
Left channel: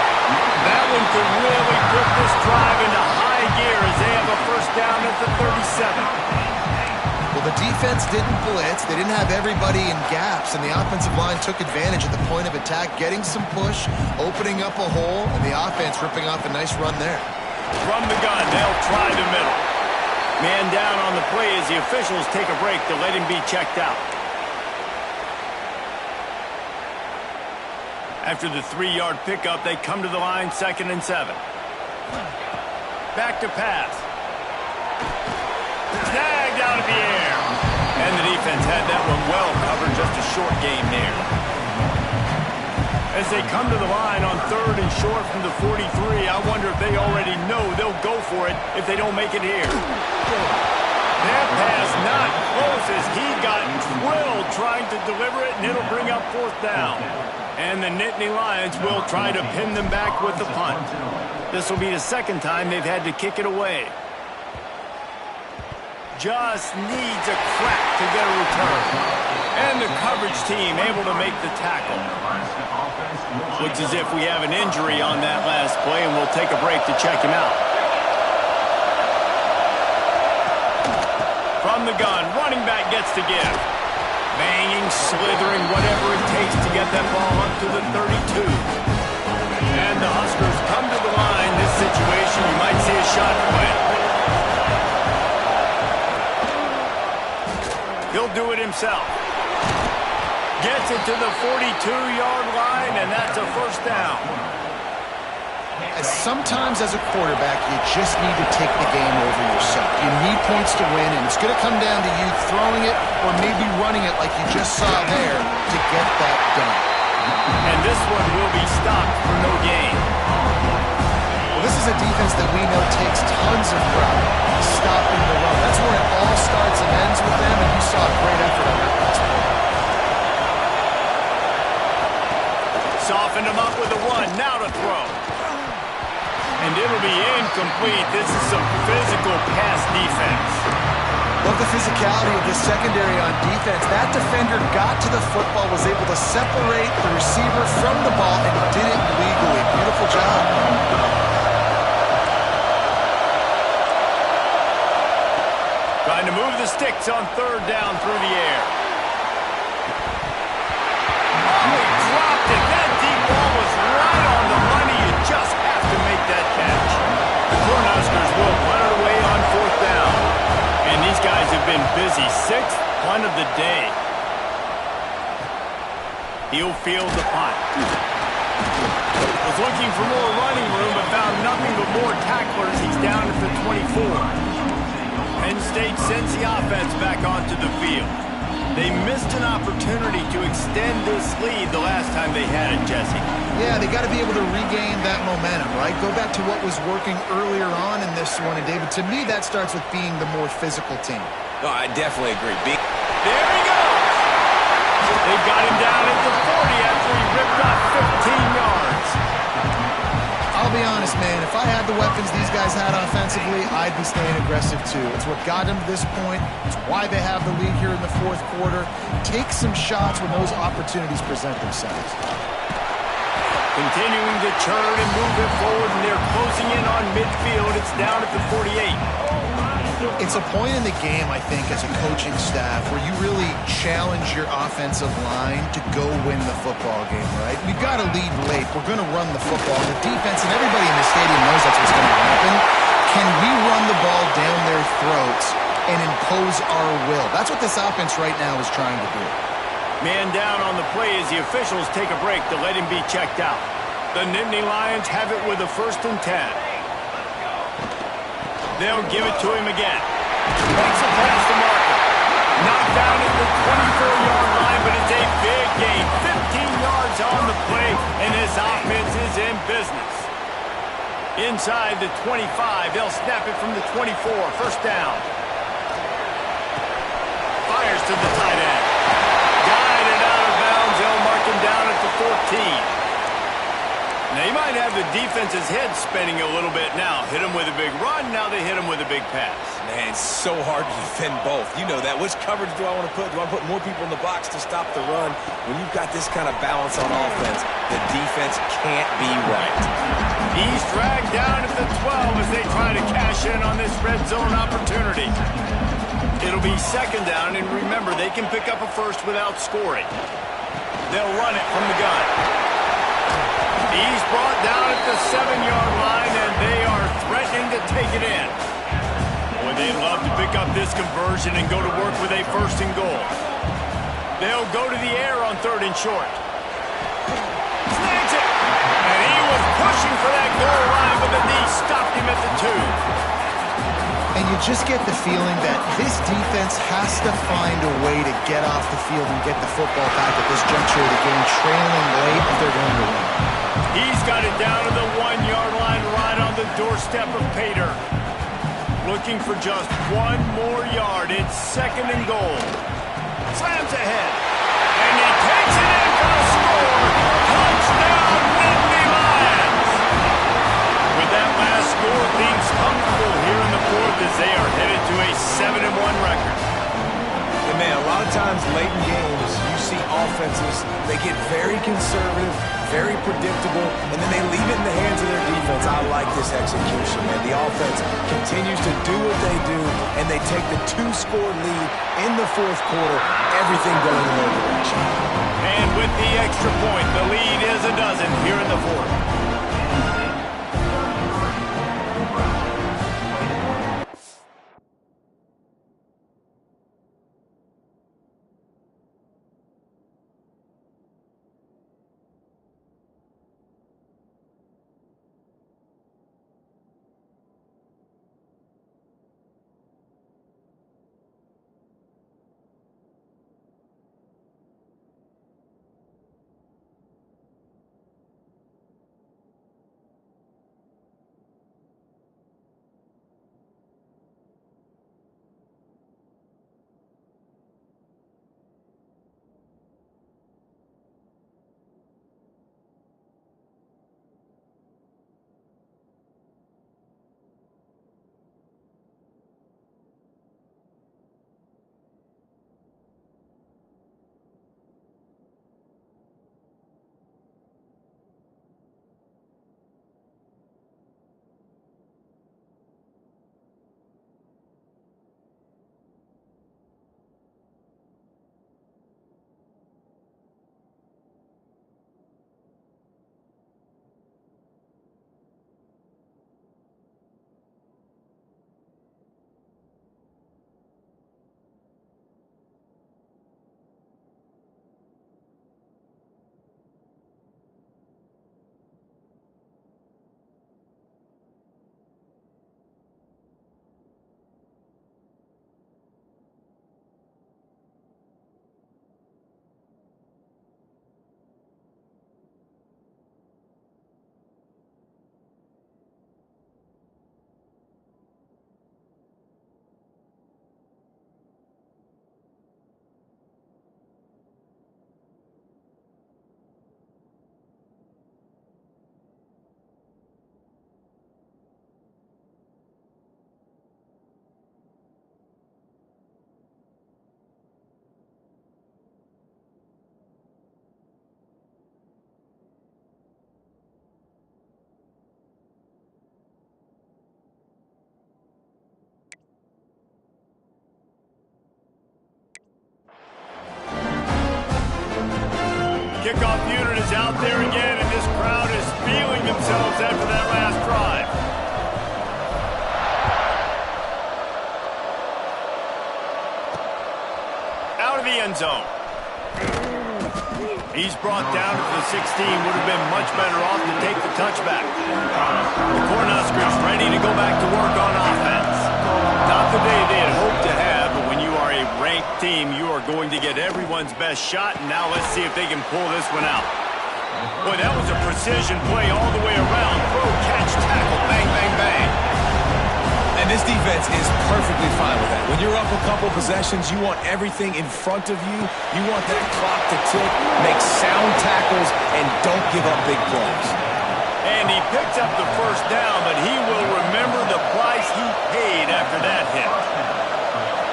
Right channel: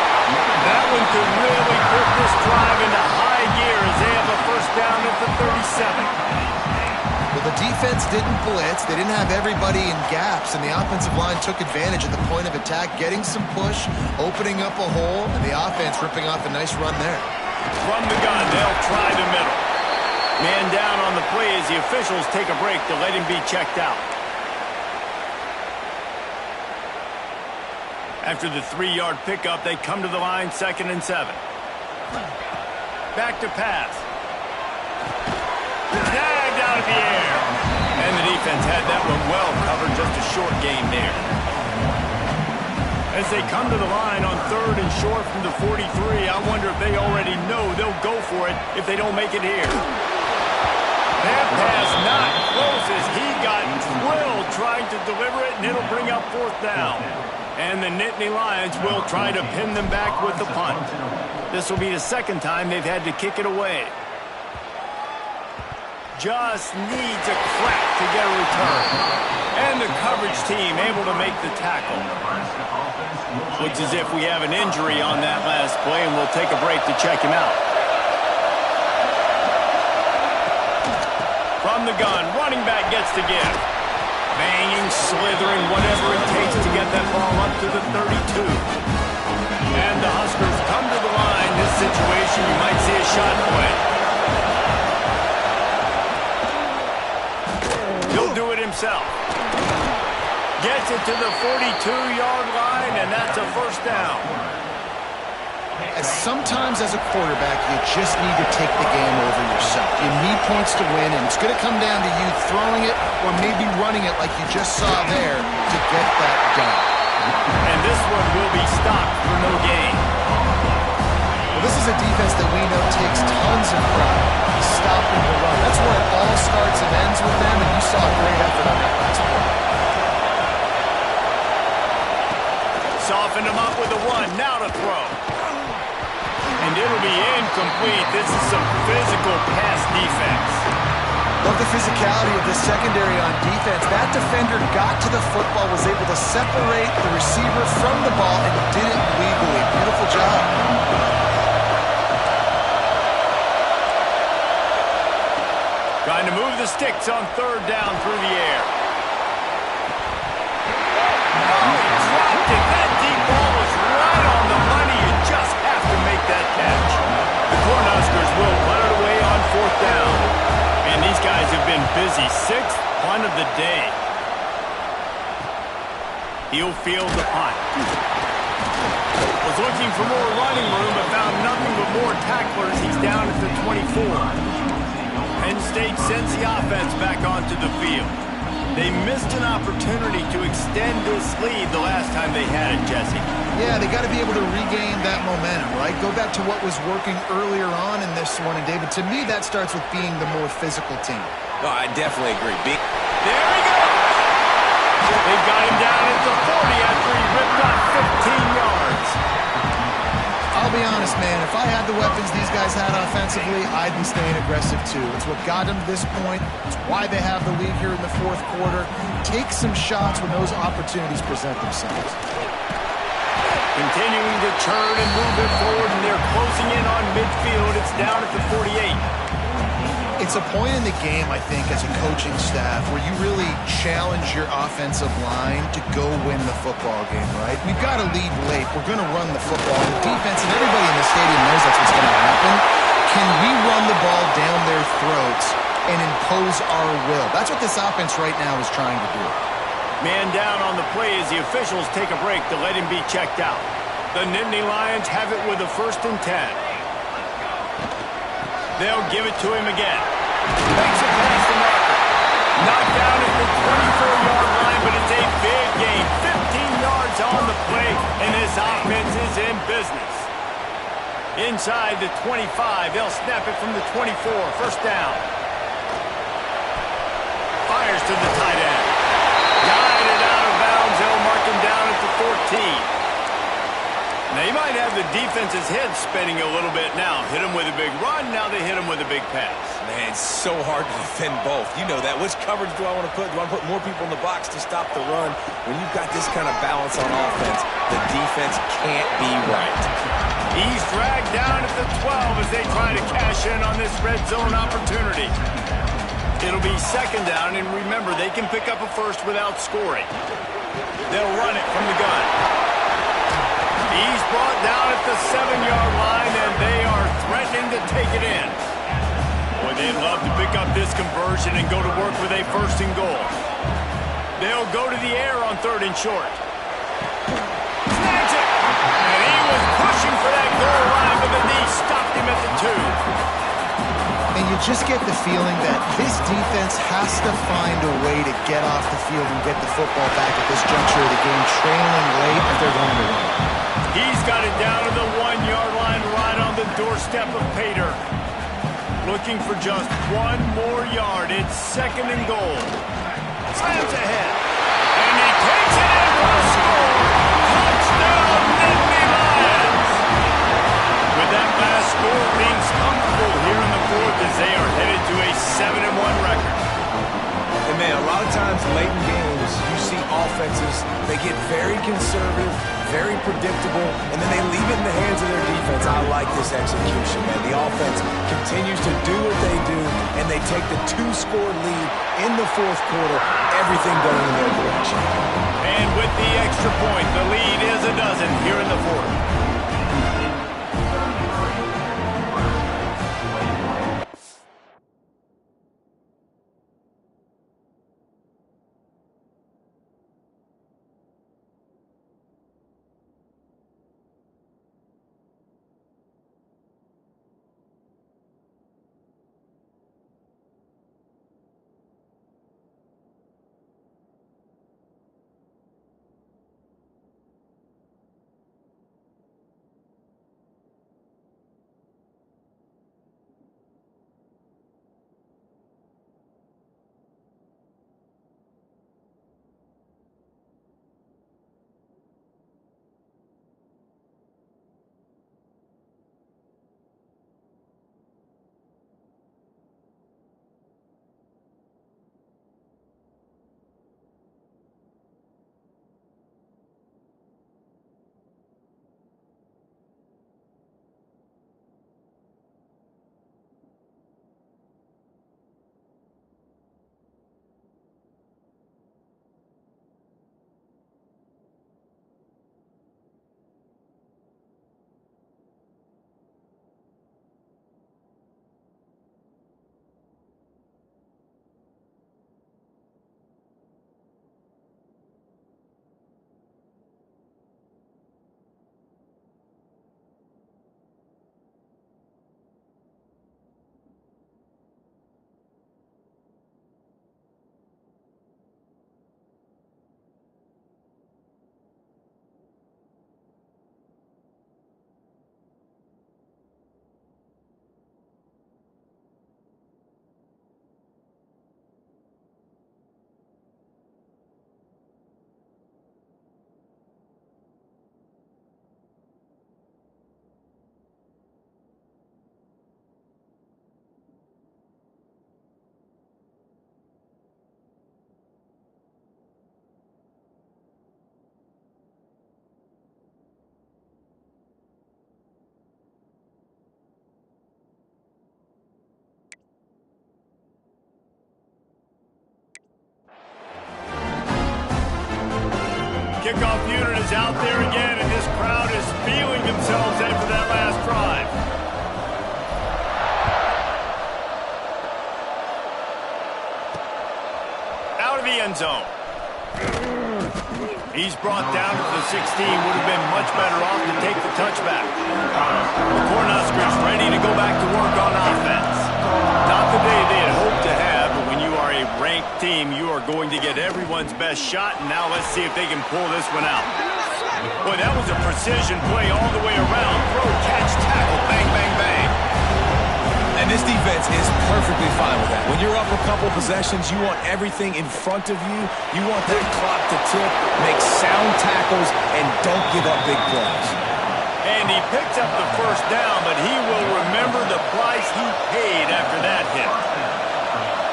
That one could really put this drive into high gear as they have a 1st down at the 37. Well, the defense didn't blitz. They didn't have everybody in gaps, and the offensive line took advantage at the point of attack, getting some push, opening up a hole, and the offense ripping off a nice run there. From the gun, they'll try the middle. Man down on the play as the officials take a break to let him be checked out. After the 3-yard pickup, they come to the line, 2nd and 7. Back to pass. Snagged out of the air. And the defense had that one well covered, just a short gain there. As they come to the line on 3rd and short from the 43, I wonder if they already know they'll go for it if they don't make it here. That pass not close as he got drilled trying to deliver it, and it'll bring up 4th down. And the Nittany Lions will try to pin them back with the punt. This will be the 2nd time they've had to kick it away. Just needs a crack to get a return. And the coverage team able to make the tackle. Looks as if we have an injury on that last play, and we'll take a break to check him out. From the gun, running back gets the give. Banging, slithering, whatever it takes to get that ball up to the 32. And the Huskers come to the line. This situation, you might see a shot play. He'll do it himself. Gets it to the 42-yard line, and that's a 1st down. Sometimes as a quarterback, you just need to take the game over yourself. You need points to win, and it's going to come down to you throwing it or maybe running it like you just saw there to get that done. And this one will be stopped for no gain. Well, this is a defense that we know takes tons of pride stopping the run. That's where it all starts and ends with them, and you saw a great effort on that last play. Softened him up with a run, now to throw. And it'll be incomplete. This is some physical pass defense. Love the physicality of the secondary on defense. That defender got to the football, was able to separate the receiver from the ball, and did it legally. Beautiful job. Trying to move the sticks on 3rd down through the air. Oh, he dropped it. That deep ball was right on the money. You just have to make that catch. The Cornhuskers will punt it away on 4th down. And these guys have been busy. 6th punt of the day. He'll field the punt. Was looking for more running room, but found nothing but more tacklers. He's down at the 24. Penn State sends the offense back onto the field. They missed an opportunity to extend this lead the last time they had it, Jesse. Yeah, they got to be able to regain that momentum, right? Go back to what was working earlier on in this one. And, David, to me, that starts with being the more physical team. No, I definitely agree. There he goes! They've got him down at the 40 after he ripped off 15 yards. I'll be honest, man. If I had the weapons these guys had offensively, I'd be staying aggressive too. It's what got them to this point. It's why they have the lead here in the fourth quarter. Take some shots when those opportunities present themselves. Continuing to churn and move it forward, and they're closing in on midfield. It's down at the 48. It's a point in the game, I think, as a coaching staff where you really challenge your offensive line to go win the football game, right? We've got to lead late. We're going to run the football. The defense and everybody in the stadium knows that's what's going to happen. Can we run the ball down their throats and impose our will? That's what this offense right now is trying to do. Man down on the play as the officials take a break to let him be checked out. The Nittany Lions have it with a 1st and 10. They'll give it to him again. Makes it past the marker. Knocked down at the 24-yard line, but it's a big gain. 15 yards on the play, and this offense is in business. Inside the 25, they'll snap it from the 24. 1st down. Fires to the tight end. Guided out of bounds. They'll mark him down at the 14. They might have the defense's head spinning a little bit now. Hit him with a big run, now they hit him with a big pass. Man, it's so hard to defend both. You know that. Which coverage do I want to put? Do I want to put more people in the box to stop the run? When you've got this kind of balance on offense, the defense can't be right. He's dragged down at the 12 as they try to cash in on this red zone opportunity. It'll be 2nd down, and remember, they can pick up a 1st without scoring. They'll run it from the gun. He's brought down at the 7-yard line, and they are threatening to take it in. Boy, they'd love to pick up this conversion and go to work with a 1st and goal. They'll go to the air on 3rd and short. Snags it! And he was pushing for that goal line, but the knee stopped him at the 2. And you just get the feeling that this defense has to find a way to get off the field and get the football back at this juncture of the game, trailing late if they're going to win. He's got it down to the 1-yard line right on the doorstep of Pater. Looking for just 1 more yard. It's 2nd and goal. Slams ahead. And he takes it in for a score. Touchdown, Nittany Lions. With that last score, things comfortable here in the 4th as they are headed to a 7-1 record. And man, a lot of times late in games, you see offenses, they get very conservative, very predictable, and then they leave it in the hands of their defense. I like this execution, man. The offense continues to do what they do, and they take the 2-score lead in the 4th quarter, everything going in their direction. And with the extra point, the lead is a dozen here in the 4th. kickoff unit is out there again, and this crowd is feeling themselves after that last drive. Out of the end zone. He's brought down to the 16. Would have been much better off to take the touchback. The Cornhuskers ready to go back to work on offense. Not the day they had hoped to have, but when you are a ranked team, you are going to get everyone's best shot, and now let's see if they can pull this one out. Boy, that was a precision play all the way around. Throw, catch, tackle, bang, bang, bang. And this defense is perfectly fine with that. When you're up a couple possessions, you want everything in front of you. You want that clock to tick, make sound tackles, and don't give up big plays. And he picks up the first down, but he will remember the price he paid after that hit.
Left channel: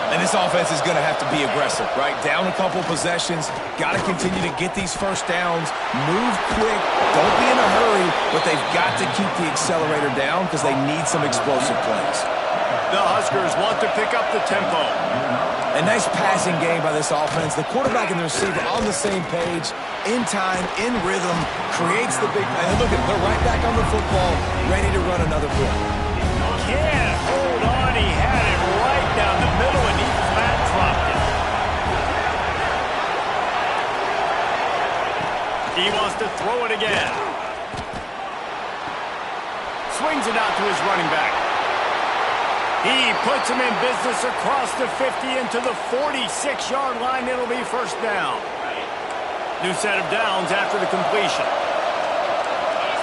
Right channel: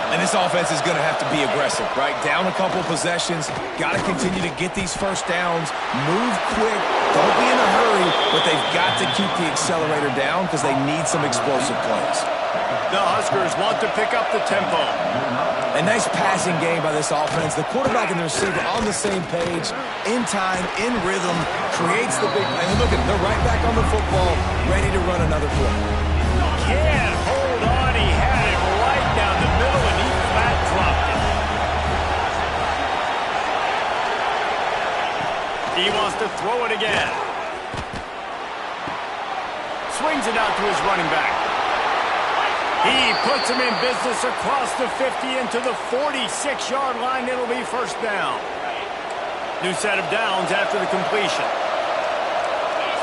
And this offense is going to have to be aggressive, right? Down a couple possessions, got to continue to get these first downs, move quick, don't be in a hurry, but they've got to keep the accelerator down because they need some explosive plays. The Huskers want to pick up the tempo. A nice passing game by this offense. The quarterback and the receiver on the same page, in time, in rhythm, creates the big play. And look at them, they're right back on the football, ready to run another play. Can't hold on. He had it right down the middle, and he flat dropped it. He wants to throw it again. Swings it out to his running back. He puts him in business across the 50 into the 46-yard line. It'll be first down. New set of downs after the completion.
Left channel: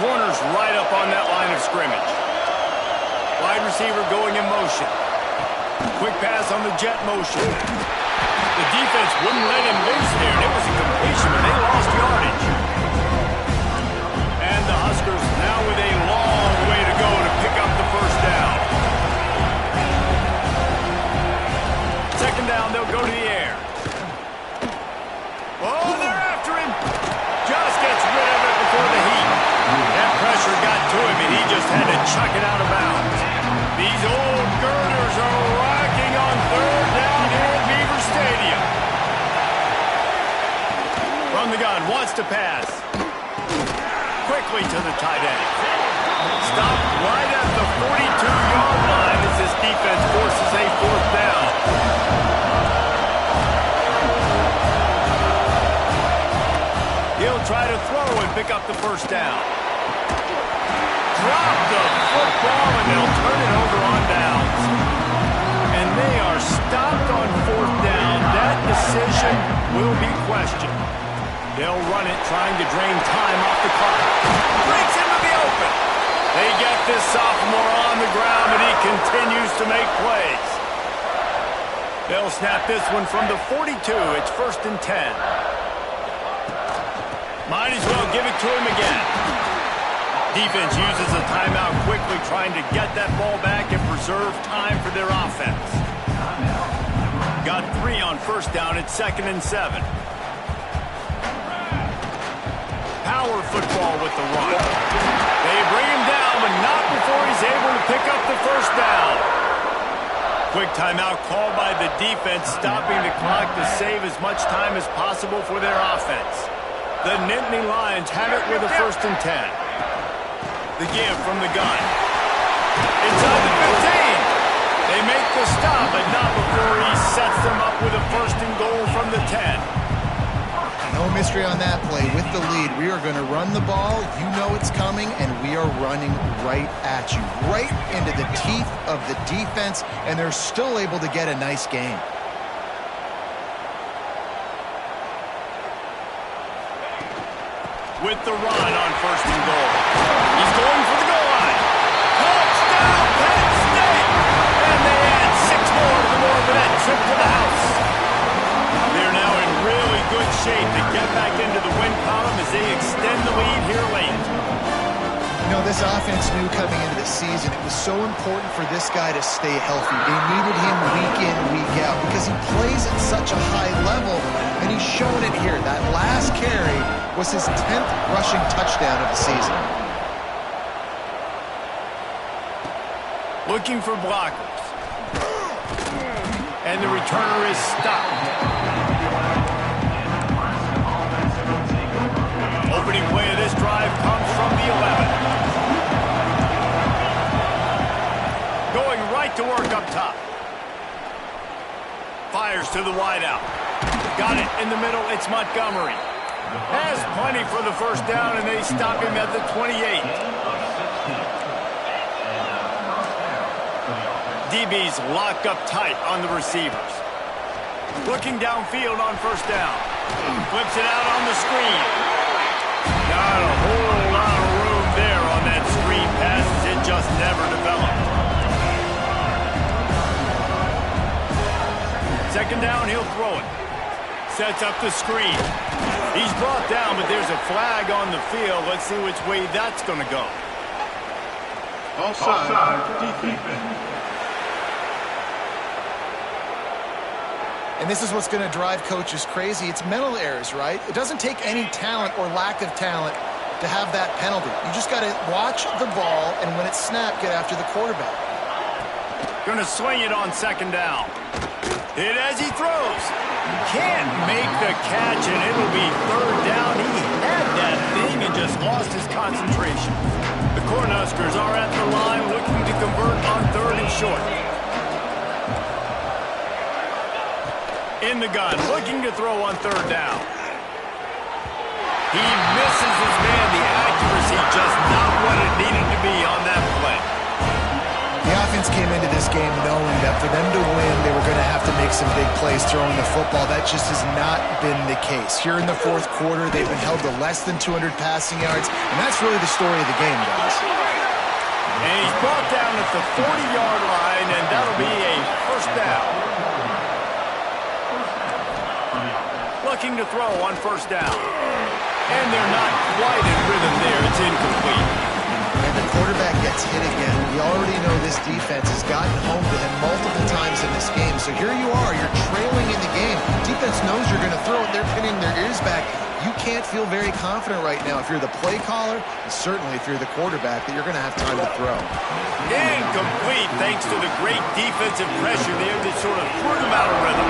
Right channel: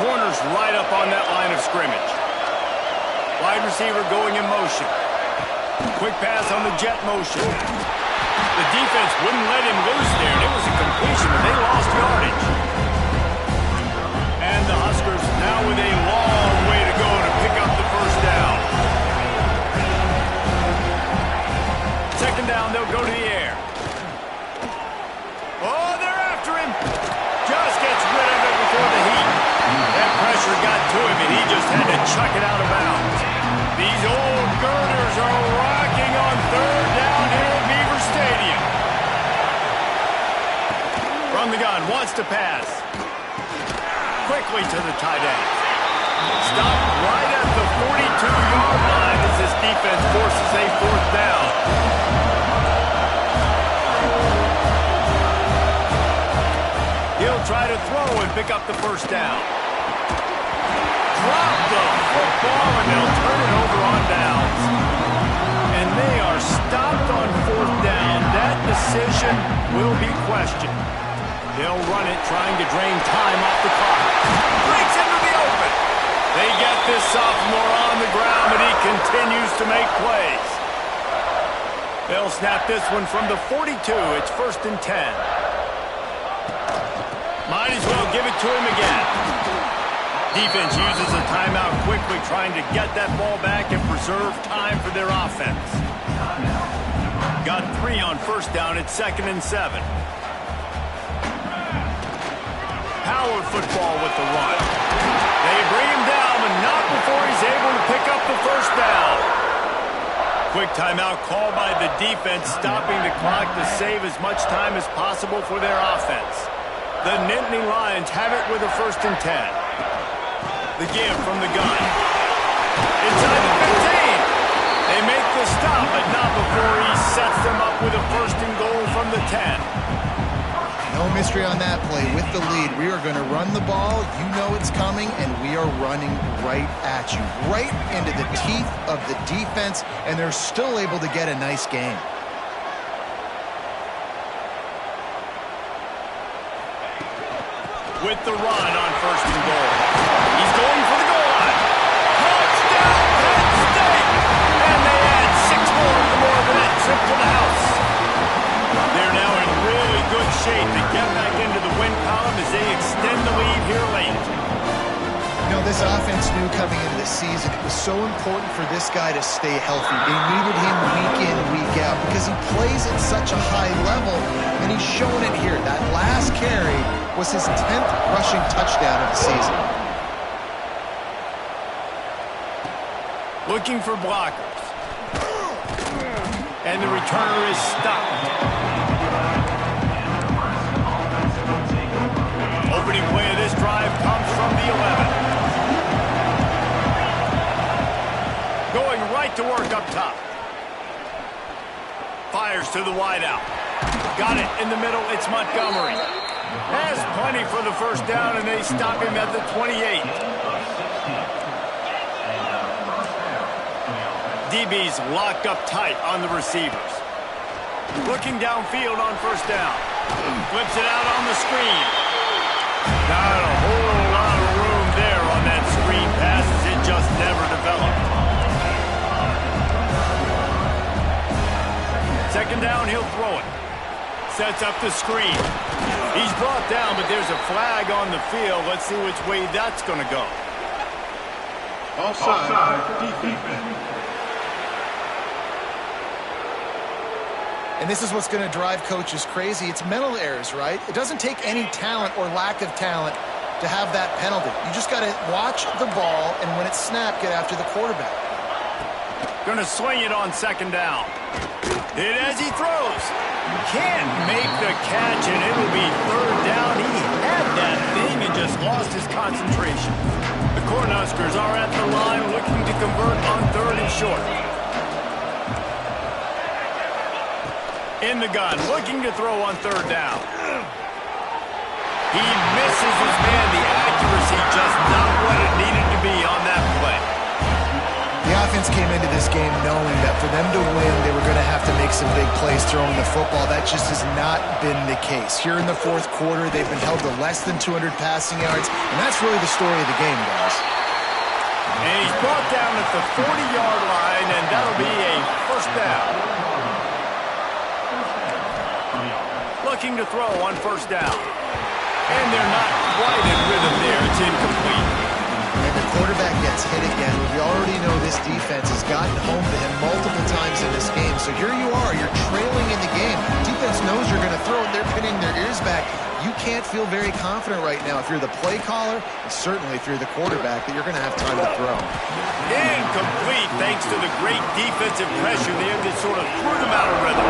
Corners right up on that line of scrimmage. Wide receiver going in motion. Quick pass on the jet motion. The defense wouldn't let him loose there, and it was a completion, but they lost yardage. And the Huskers now with a long way to go to pick up the first down. Second down, they'll go to the air. Oh, they're after him. Just gets rid of it before the heat. That pressure got to him, and he just had to chuck it out of bounds. These old girders are rocking on third down here at Beaver Stadium. From the gun, wants to pass. Quickly to the tight end. Stopped right at the 42-yard line as this defense forces a fourth down. He'll try to throw and pick up the first down. Drop the football, and they'll turn it over on downs. And they are stopped on fourth down. That decision will be questioned. They'll run it, trying to drain time off the clock. Breaks into the open. They get this sophomore on the ground, but he continues to make plays. They'll snap this one from the 42. It's first and 10. Might as well give it to him again. Defense uses a timeout quickly, trying to get that ball back and preserve time for their offense. Got 3 on first down. It's second and 7. Power football with the run. They bring him down, but not before he's able to pick up the first down. Quick timeout called by the defense, stopping the clock to save as much time as possible for their offense. The Nittany Lions have it with a first and 10. The give from the gun. Inside the 15. They make the stop, but not before he sets them up with a first and goal from the 10. No mystery on that play. With the lead, we are going to run the ball. You know it's coming, and we are running right at you. Right into the teeth of the defense, and they're still able to get a nice game. With the run on first and goal. He's going for the goal line. Touchdown, Penn State! And they add 6 more to the board for that trip to the house. They're now in really good shape to get back into the win column as they extend the lead here late. You know, this offense knew coming into the season it was so important for this guy to stay healthy. They needed him week in, week out because he plays at such a high level, and he's shown it here. That last carry was his 10th rushing touchdown of the season. Looking for blockers. And the returner is stopped. the 11. Going right to work up top. Fires to the wideout. Got it in the middle. It's Montgomery. Has plenty for the first down, and they stop him at the 28. DB's locked up tight on the receivers. Looking downfield on first down. Flips it out on the screen. Not a whole lot of room there on that screen pass as it just never developed. Second down, he'll throw it. Sets up the screen. He's brought down, but there's a flag on the field. Let's see which way that's going to go. Offside, defense. And this is what's going to drive coaches crazy. It's mental errors, right? It doesn't take any talent or lack of talent to have that penalty. You just got to watch the ball, and when it's snapped, get after the quarterback. Going to swing it on second down. Hit as he throws. Can't make the catch, and it'll be third down. He had that thing and just lost his concentration. The Cornhuskers are at the line looking to convert on third and short. In the gun, looking to throw on third down. He misses his man. The accuracy just not what it needed to be on that play. The offense came into this game knowing that for them to win, they were going to have to make some big plays throwing the football. That just has not been the case. Here in the fourth quarter, they've been held to less than 200 passing yards, and that's really the story of the game, guys. And he's brought down at the 40-yard line, and that'll be a first down. Looking to throw on first down. And they're not quite in rhythm there. It's incomplete. And the quarterback gets hit again. We already know this defense has gotten home to him multiple times in this game. So here you are. You're trailing in the game. Defense knows you're going to throw it. They're pinning their ears back. You can't feel very confident right now if you're the play caller, and certainly if you're the quarterback, that you're going to have time to throw. Incomplete thanks to the great defensive pressure there that sort of threw them out of rhythm.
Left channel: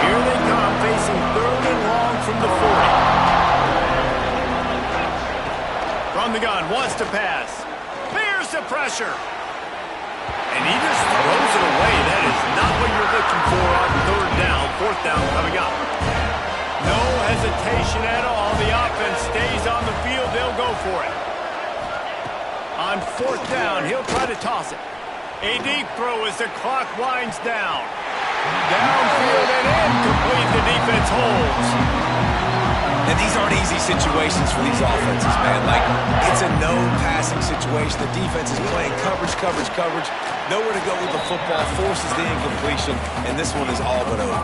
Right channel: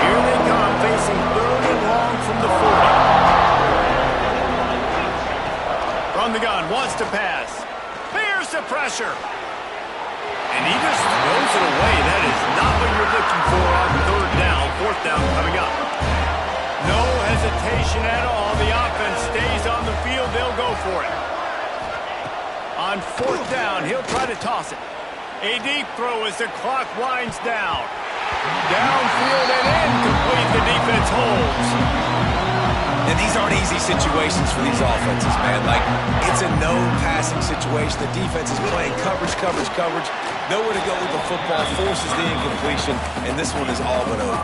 Here they come, facing third and long from the 40. From the gun, wants to pass. Fears the pressure. And he just throws it away. That is not what you're looking for on third down. Fourth down coming up. No hesitation at all. The offense stays on the field. They'll go for it. On fourth down, he'll try to toss it. A deep throw as the clock winds down. Downfield and incomplete. The defense holds. And these aren't easy situations for these offenses, man. Like, it's a no passing situation. The defense is playing coverage. Nowhere to go with the football, forces the incompletion, and this one is all but over.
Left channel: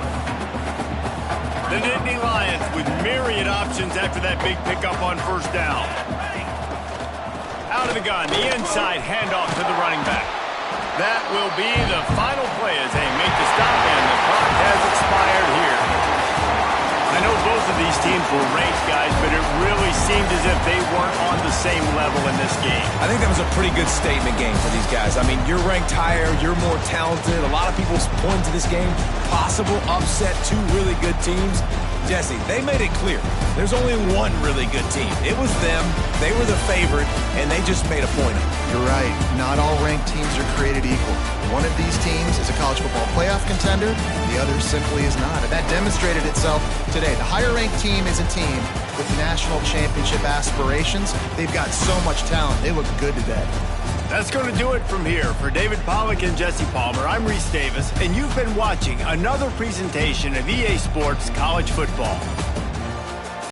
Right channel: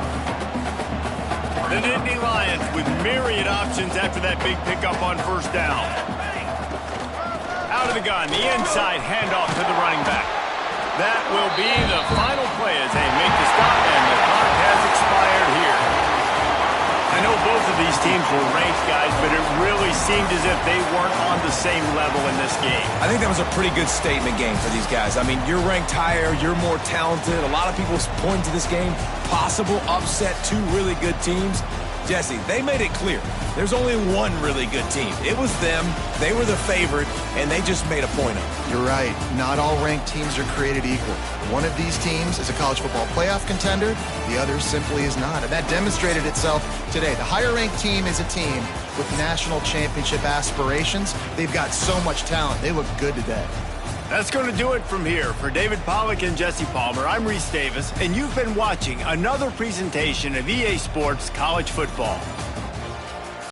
The Nittany Lions with myriad options after that big pickup on first down. Out of the gun, the inside handoff to the running back. That will be the final play as they make the stop, and the clock has expired here. I know both of these teams were ranked, guys, but it really seemed as if they weren't on the same level in this game. I think that was a pretty good statement game for these guys. I mean, you're ranked higher, you're more talented. A lot of people point to this game, possible upset, two really good teams. Jesse, they made it clear. There's only one really good team. It was them. They were the favorite, and they just made a point of it. You're right. Not all ranked teams are created equal. One of these teams is a college football playoff contender. The other simply is not. And that demonstrated itself today. The higher-ranked team is a team with national championship aspirations. They've got so much talent. They look good today. That's going to do it from here. For David Pollack and Jesse Palmer, I'm Reese Davis, and you've been watching another presentation of EA Sports College Football.